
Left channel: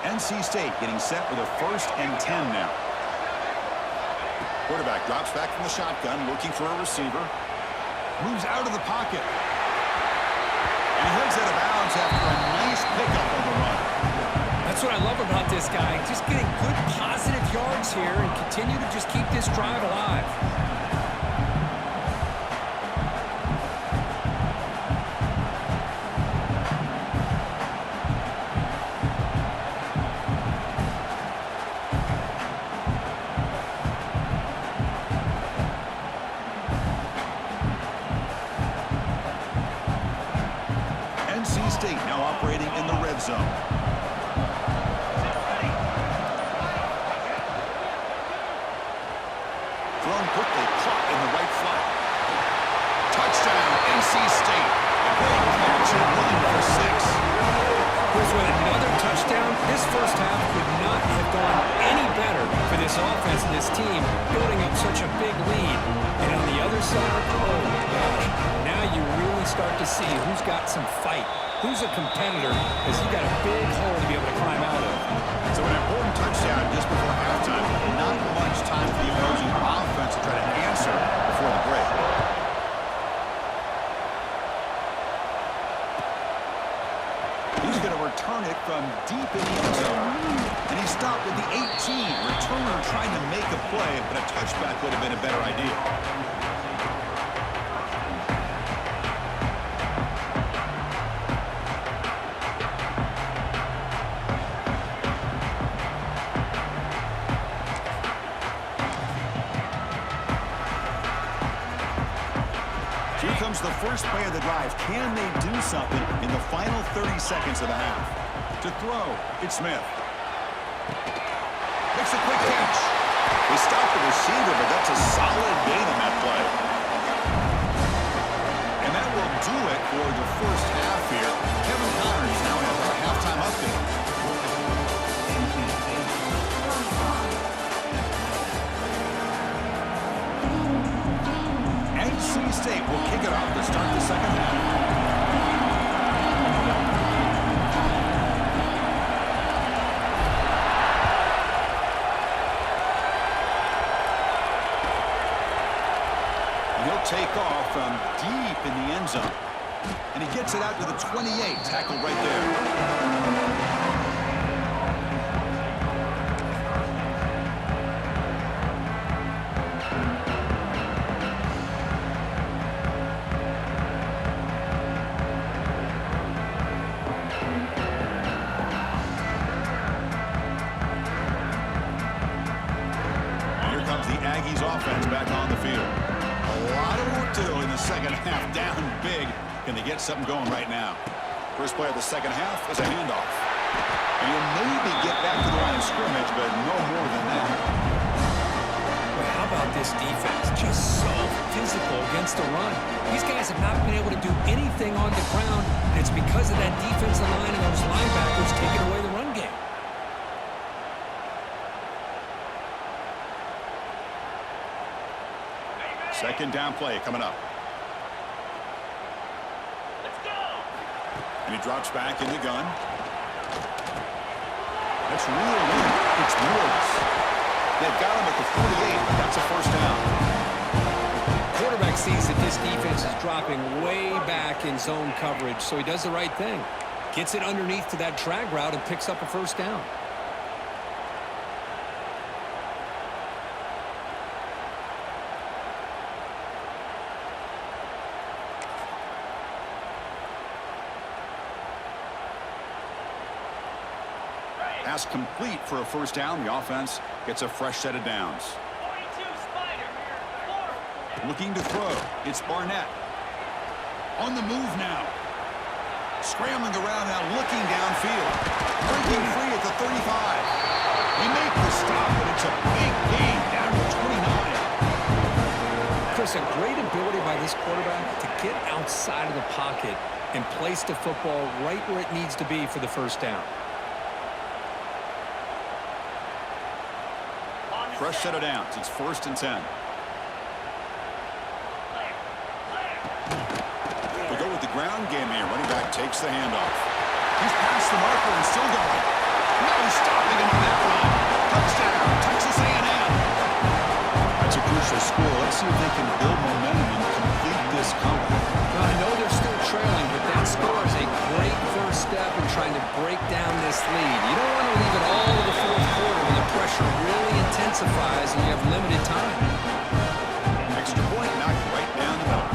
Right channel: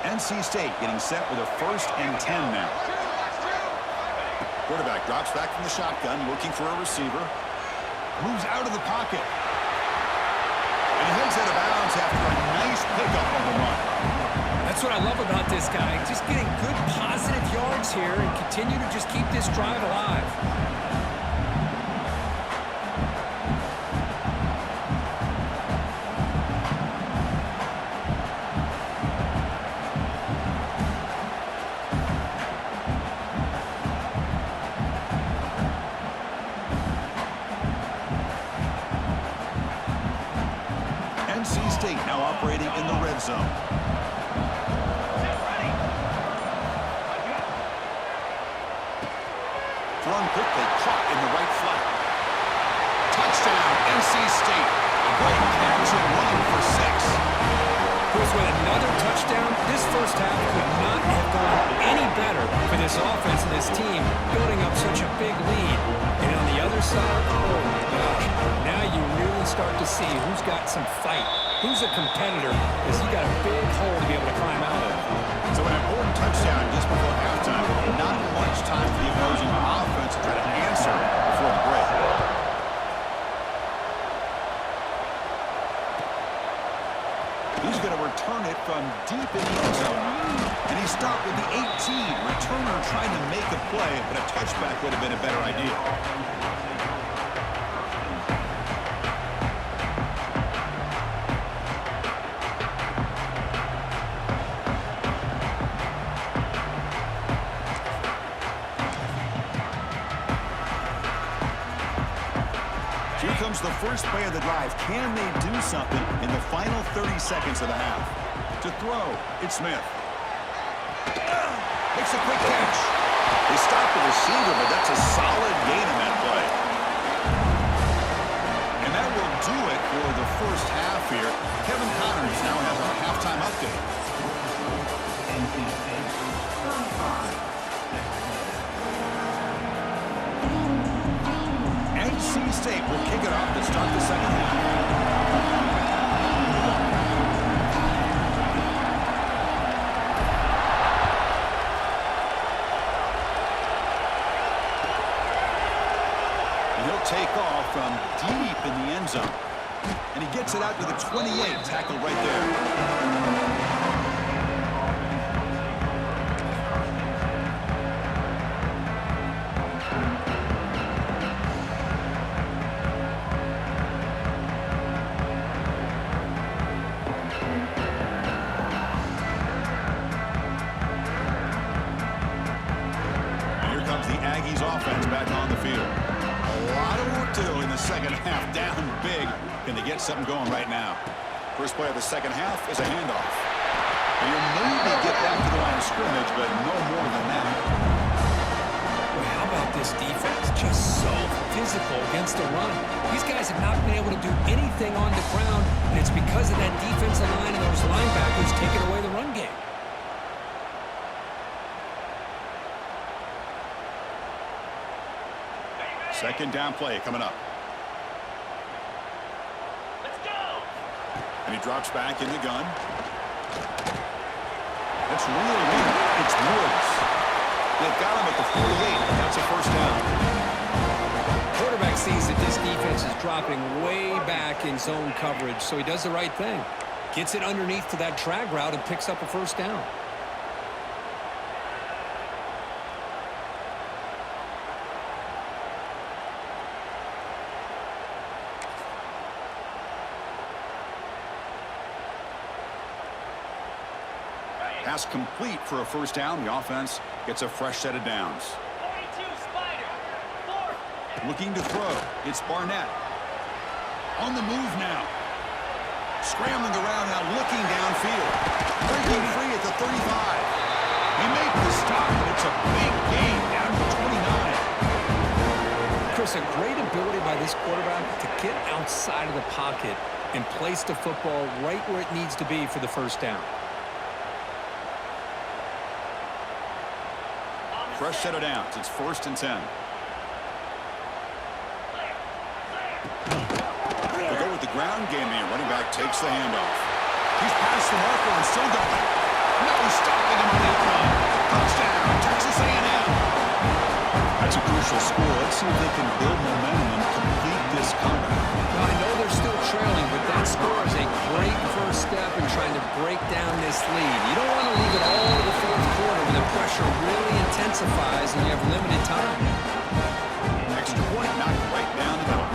NC State getting set with a 1st and 10 now. Quarterback drops back from the shotgun, looking for a receiver. Moves out of the pocket. And he heads out of bounds after a nice pickup on the run. That's what I love about this guy. Just getting good positive yards here and continue to just keep this drive alive. NC State now operating in the red zone. run quickly, caught in the right flat. Touchdown, NC State. A great catch and run for 6. Chris, with another touchdown, this first half could not have gone any better for this offense and this team, building up such a big lead. And on the other side, oh my gosh, now you really start to see who's got some fight, who's a competitor, because you got a big hole to be able to climb out of. So an important touchdown just before halftime. Not much time for the opposing offense to try to answer before the break. He's going to return it from deep in the end zone. And he stopped at the 18. Returner trying to make a play, but a touchback would have been a better idea. Here comes the first play of the drive. Can they do something in the final 30 seconds of the half? To throw, it's Smith. Makes a quick catch. They stop the receiver, but that's a solid gain on that play. And that will do it for the first half here. Kevin Connors now has our halftime update. NC State will kick it off to start the second half. And he'll take off from deep in the end zone. And he gets it out to the 28, tackled right there. Aggies offense back on the field. A lot of work to do in the second half, down big. Can they get something going right now? First play of the second half is a handoff. And you'll maybe get back to the line of scrimmage, but no more than that. Well, how about this defense? Just so physical against the run. These guys have not been able to do anything on the ground, and it's because of that defensive line and those linebackers taking away the run game. Second down play coming up. Let's go. And he drops back in the gun. That's real in. It's Woods. They've got him at the 48, but that's a first down. Quarterback sees that this defense is dropping way back in zone coverage, so he does the right thing. Gets it underneath to that drag route and picks up a first down. Pass complete for a first down. The offense gets a fresh set of downs. 42 Spider. 4. Looking to throw. It's Barnett. On the move now. Scrambling around now, looking downfield. Breaking free at the 35. They make the stop, but it's a big gain down to 29. Chris, a great ability by this quarterback to get outside of the pocket and place the football right where it needs to be for the first down. Fresh set of downs. It's 1st and 10. They go with the ground game here. Running back takes the handoff. He's past the marker and still going. No stopping him on that run. Touchdown, Texas A&M. That's a crucial score. Let's see if they can build momentum and complete this comeback. Well, I know they're still trailing, but that score is a great first step in trying to break down this lead. You don't want to leave it all to the fourth quarter when the pressure really intensifies and you have limited time. Extra point knocked right down the middle.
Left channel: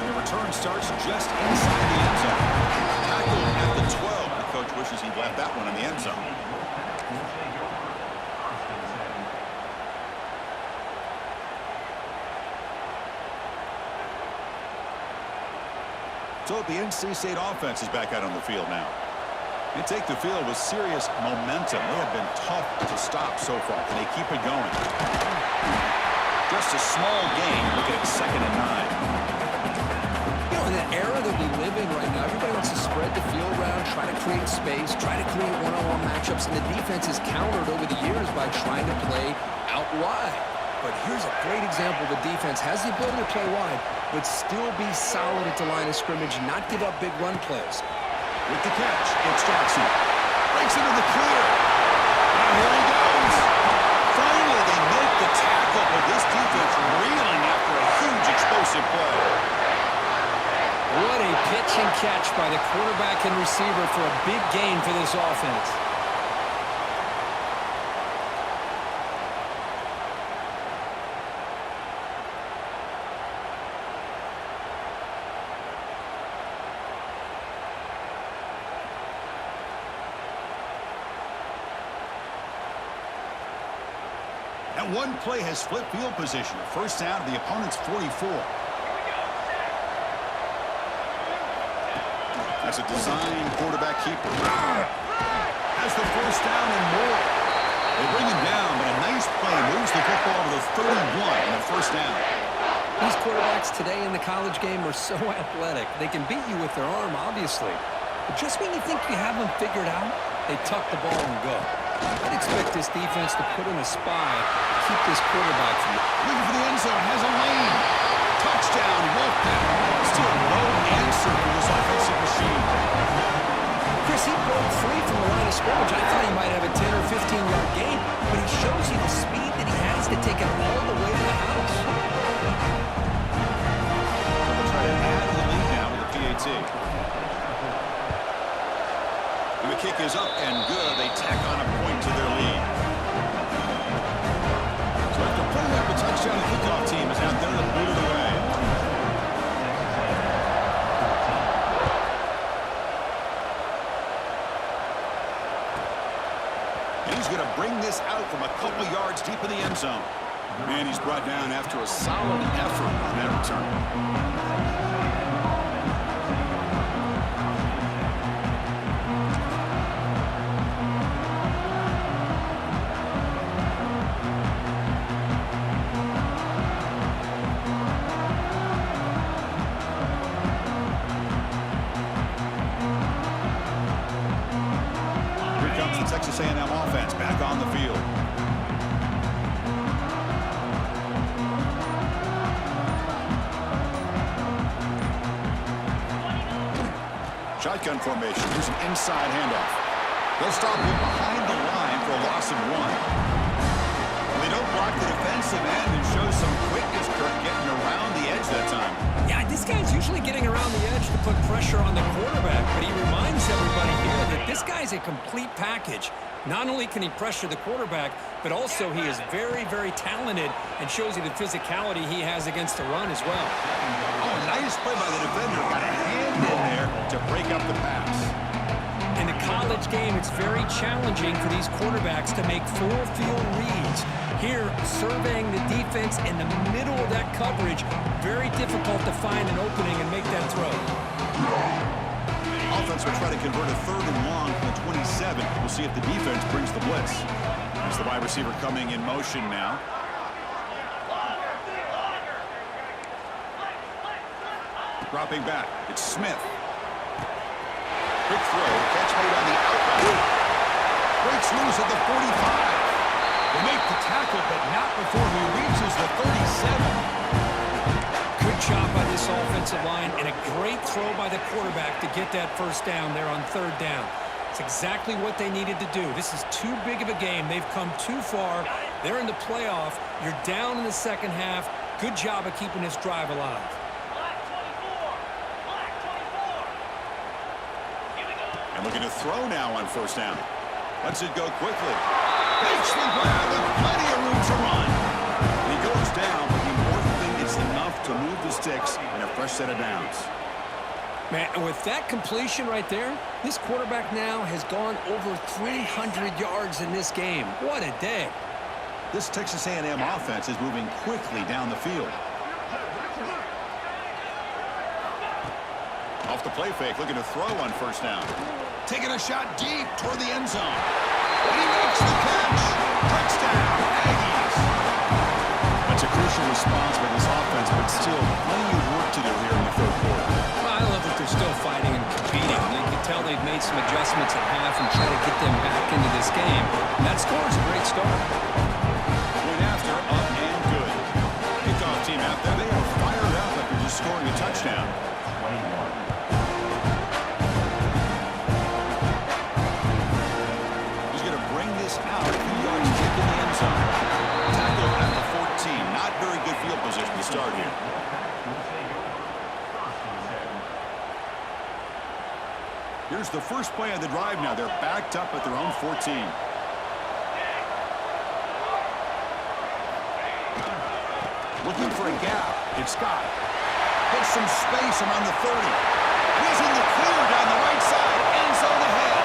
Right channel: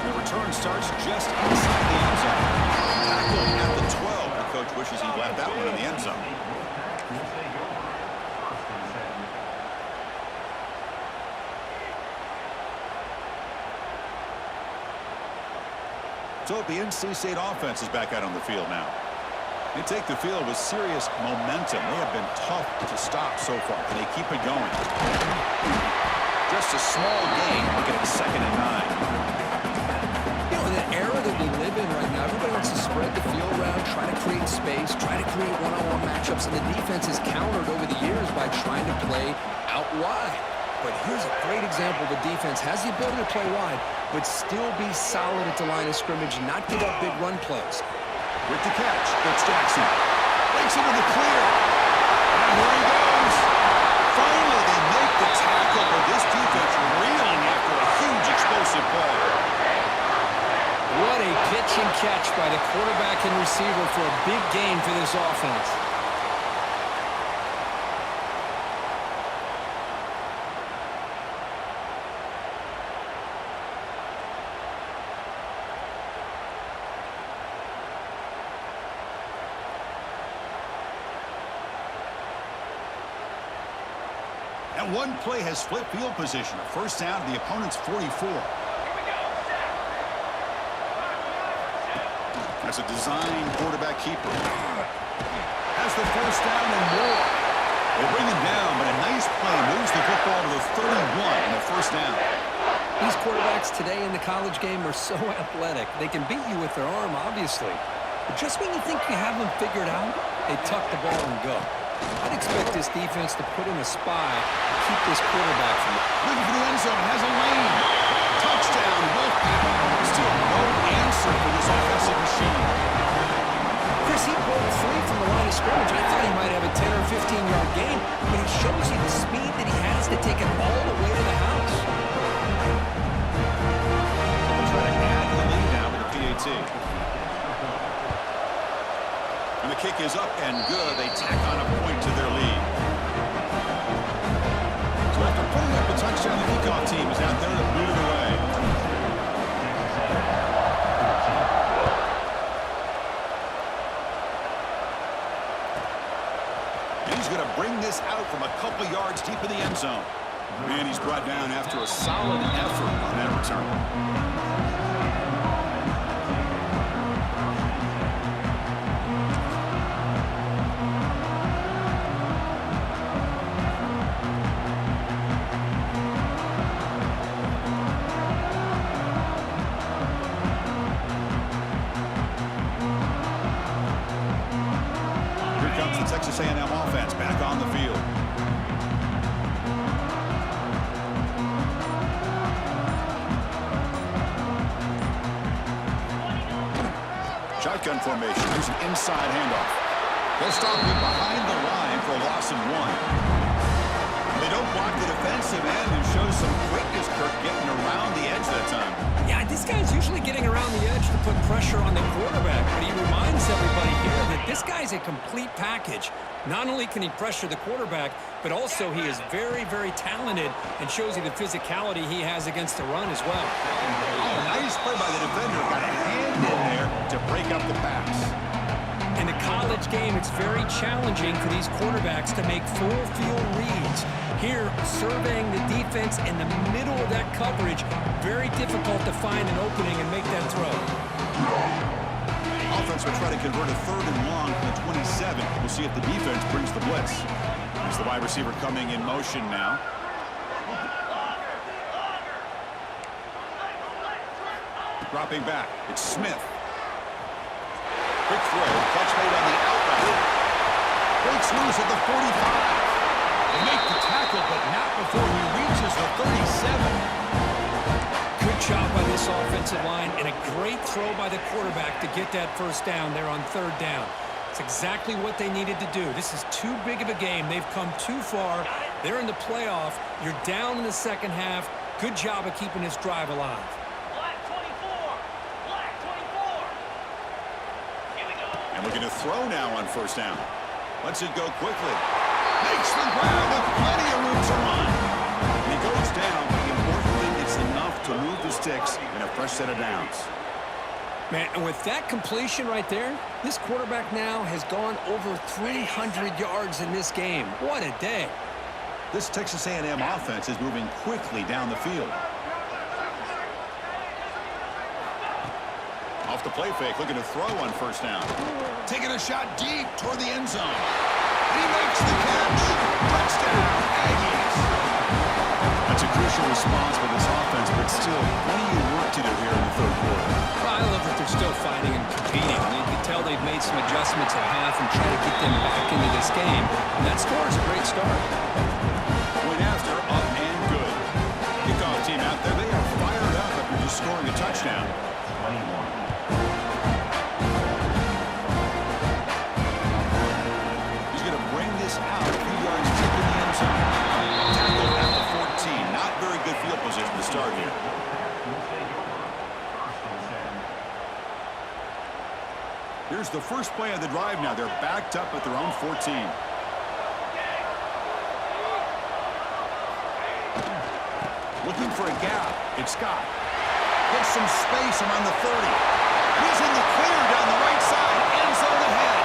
And the return starts just inside the end zone. Tackled at the 12. The coach wishes he'd left that one in the end zone. So the NC State offense is back out on the field now. They take the field with serious momentum. They have been tough to stop so far. Can they keep it going? Just a small gain. Looking at 2nd and 9. You know, in the era that we live in right now, everybody wants to spread the field around, try to create space, try to create one-on-one matchups, and the defense has countered over the years by trying to play out wide. But here's a great example. The defense has the ability to play wide, but still be solid at the line of scrimmage, not give up big run plays. With the catch, it's Jackson. Breaks into the clear. And here he goes. Finally, they make the tackle, but this defense reeling after a huge explosive play. What a pitch and catch by the quarterback and receiver for a big gain for this offense. And one play has flipped field position. A first down to the opponent's 44. Here we go. Sack. That's a design quarterback keeper. Has the first down and more. They bring him down, but a nice play moves the football to the 31 and a first down. These quarterbacks today in the college game are so athletic. They can beat you with their arm, obviously. But just when you think you have them figured out, they tuck the ball and go. I'd expect this defense to put in a spy to keep this quarterback from it. Looking for the end zone, has a lane. Touchdown, Wolfpack. Still no answer for this offensive machine. Chris, he broke free from the line of scrimmage. I thought he might have a 10 or 15-yard gain, but he shows you the speed that he has to take it all the way to the house. So they'll try to add the lead now with the PAT. And the kick is up and good. They tack on a point to their lead. So after putting up a touchdown, the kickoff team is out there to boot it away. And he's going to bring this out from a couple yards deep in the end zone. And he's brought down after a solid effort on that return. Texas A&M offense back on the field. Shotgun formation. Here's an inside handoff. They'll stop him behind the line for a loss of 1. They don't block the defensive end and show some quickness, Kirk, getting around the edge that time. Yeah, this guy's usually getting around the edge to put pressure on the quarterback, but he reminds everybody here that this guy's a complete package. Not only can he pressure the quarterback, but also he is very, very talented and shows you the physicality he has against the run as well. Oh, nice play by the defender. Got a hand in there to break up the pass. In the college game, it's very challenging for these quarterbacks to make full field reads. Here, surveying the defense in the middle of that coverage, very difficult to find an opening and make that throw. Offense will try to convert a 3rd and long from the 27. We'll see if the defense brings the blitz. It's the wide receiver coming in motion now. Dropping back, it's Smith. Quick throw, catch made on the out route. Breaks loose at the 45. They make the tackle, but not before he reaches the 37. Good job by this offensive line and a great throw by the quarterback to get that first down there on 3rd down. It's exactly what they needed to do. This is too big of a game. They've come too far. They're in the playoff. You're down in the second half. Good job of keeping this drive alive. Black 24. Black 24. Here we go. And looking to throw now on 1st down. Lets it go quickly. Makes the grab with plenty of room to run. And he goes down, but the important thing is enough to move the sticks in a fresh set of downs. Man, and with that completion right there, this quarterback now has gone over 300 yards in this game. What a day. This Texas A&M offense is moving quickly down the field. Off the play fake, looking to throw on 1st down. Taking a shot deep toward the end zone. And he makes the catch. Touchdown, Aggies. That's a crucial response by this offense, but still plenty of work to do here in the third quarter. Well, I love that they're still fighting and competing. You can tell they've made some adjustments at half and try to get them back into this game. And that score is a great start. Point after, up and good. Kickoff team out there, they are fired up after just scoring a touchdown. 21. He's going to bring this out a few yards deep in the end zone. Tackled at the 14. Not very good field position to start here. Here's the first play of the drive now. They're backed up at their own 14. Looking for a gap. It's Scott. Gets some space around the 30. And he's in the clear down the right side. End zone ahead.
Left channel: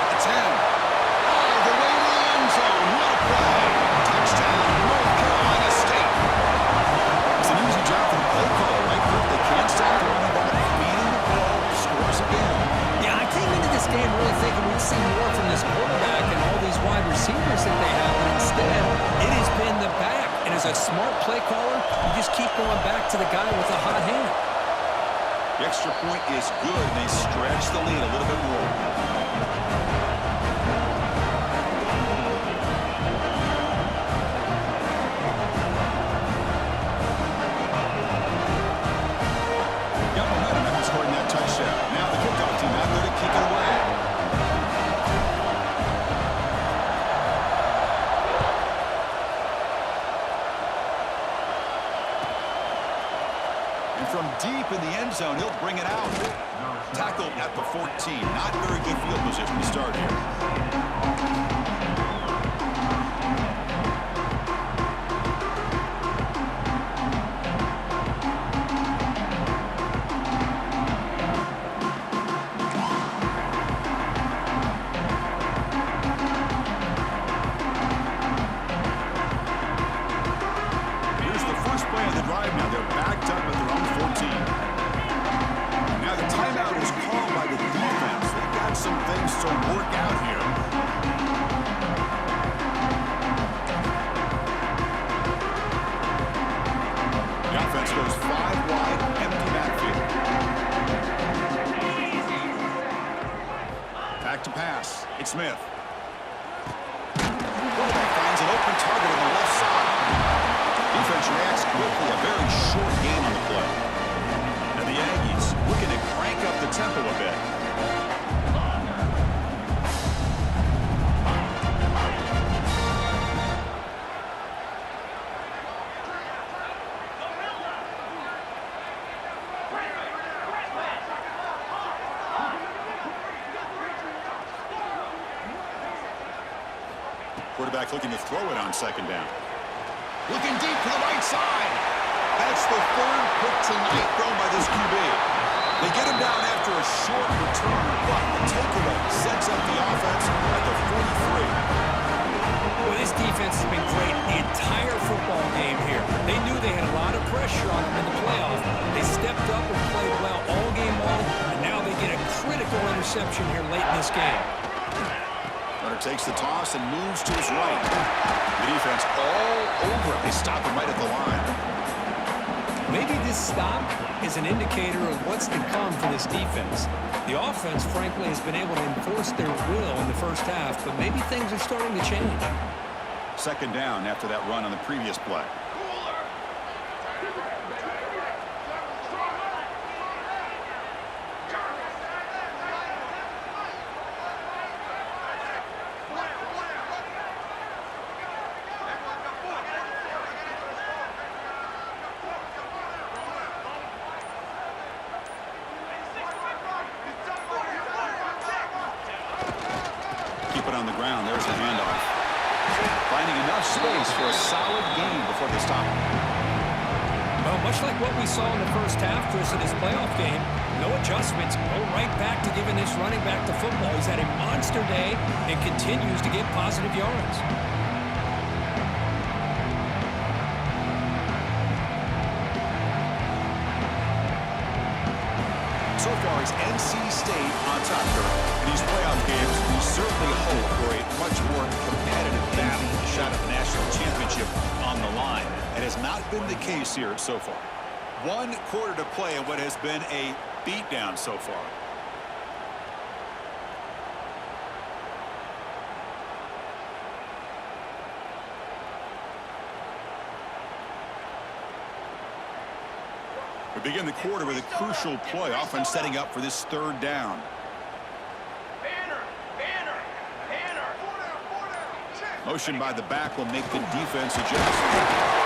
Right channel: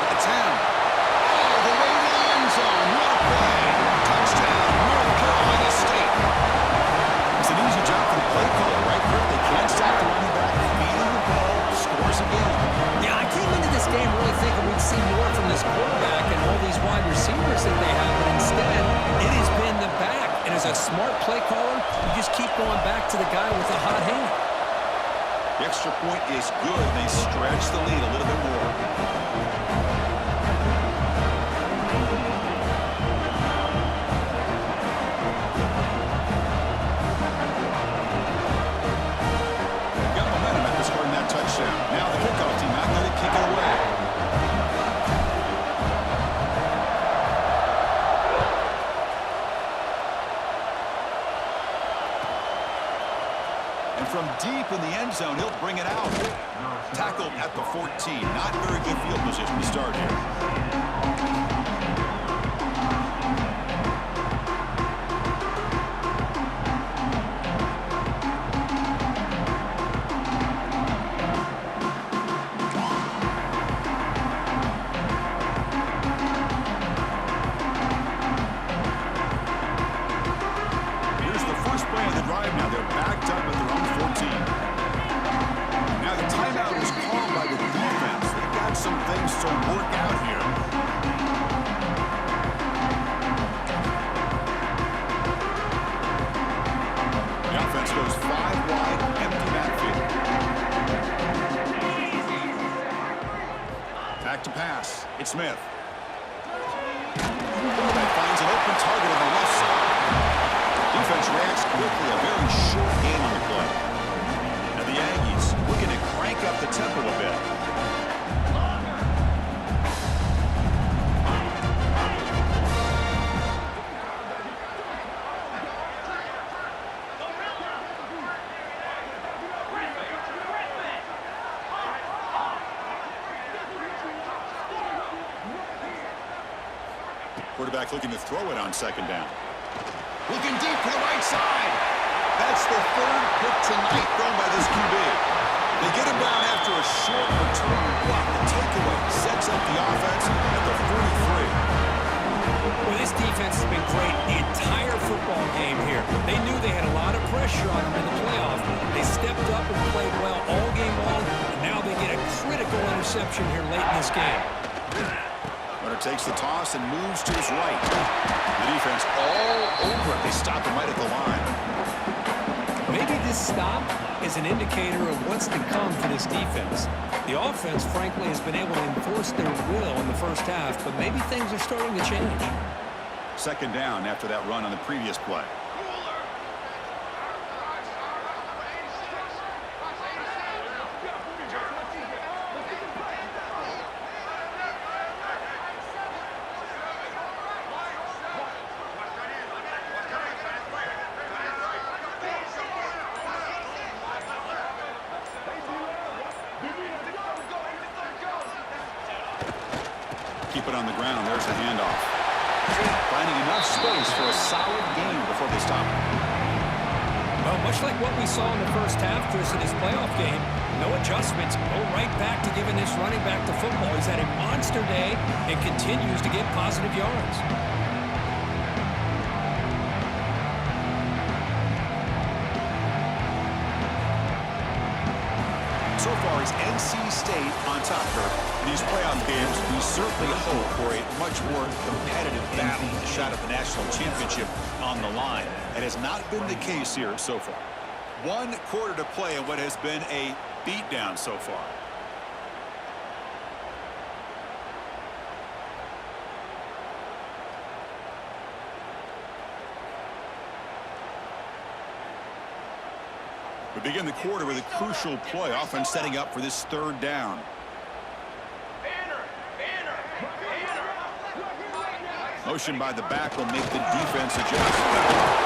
At the 10. All the way to the end zone. What a play. Touchdown, North Carolina State. It's an easy job for the play caller, right, Kirk? They can't stop the running back. Feeding the ball. Scores again. Yeah, I came into this game really thinking we'd see more from this quarterback and all these wide receivers that they have, but instead, it has been the back. And as a smart play caller, you just keep going back to the guy with the hot hand. The extra point is good. They stretch the lead a little bit more. Got momentum after scoring that touchdown. Now the kickoff team out there to kick it away. And from deep in the end zone, he'll bring it out. Tackled at the 14. Not very good field position to start here. Here's the first play of the drive now. They're backed up at their own 14. Now the timeout is called by the defense. They've got some things to work out here. The offense goes 5 wide, empty backfield. Back to pass. It's Smith. Quarterback finds an open target on the left side. Defense reacts quickly. A very short game on the play. And the Aggies looking to crank up the tempo a bit. Quarterback looking to throw it on second down. Looking deep to the right side. That's the third pick tonight thrown by this QB. They get him down after a short return. But the takeaway sets up the offense at the 43. Well, this defense has been great the entire football game here. They knew they had a lot of pressure on them in the playoff. They stepped up and played well all game long, and now they get a critical interception here late in this game. Runner takes the toss and moves to his right. The defense all over it. They stop him right at the line. Maybe this stop is an indicator of what's to come for this defense. The offense, frankly, has been able to enforce their will in the first half, but maybe things are starting to change. Second down after that run on the previous play. Keep it on the ground. There's a handoff. Finding enough space for a solid gain before they stop him. Well, much like what we saw in the first half, Chris, in this playoff game, no adjustments, go right back to giving this running back the football. He's had a monster day and continues to get positive yards. So far, puts NC State on top here. In these playoff games, we certainly hope for a much more competitive battle, a shot at the national championship on the line. It has not been the case here so far. 1 quarter to play in what has been a beatdown so far. We begin the quarter with a crucial play, offense setting up for this 3rd down. Banner! Banner! Banner! Motion by the back will make the defense adjust.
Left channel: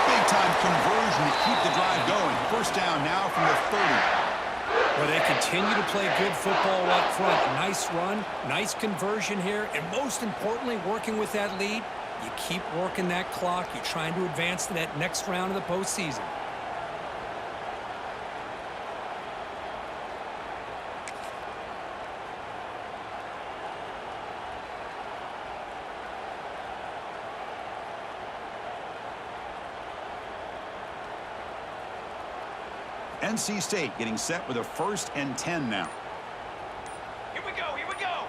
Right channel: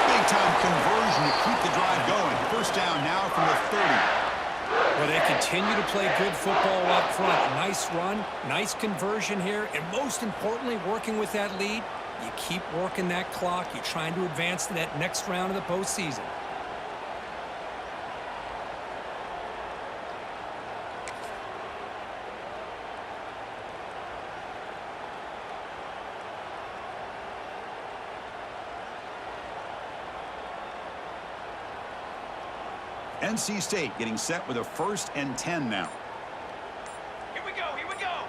Big-time conversion to keep the drive going. 1st down now from the 30. Well, they continue to play good football up front. Nice run, nice conversion here, and most importantly, working with that lead, you keep working that clock. You're trying to advance to that next round of the postseason. NC State getting set with a 1st and 10 now. Here we go! Here we go!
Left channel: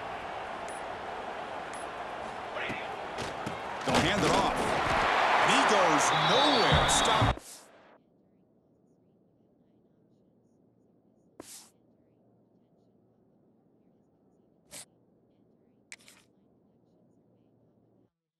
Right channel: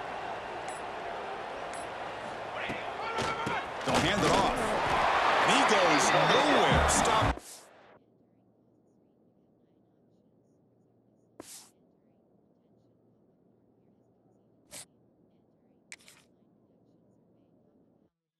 They'll hand it off. And he goes nowhere. Stopped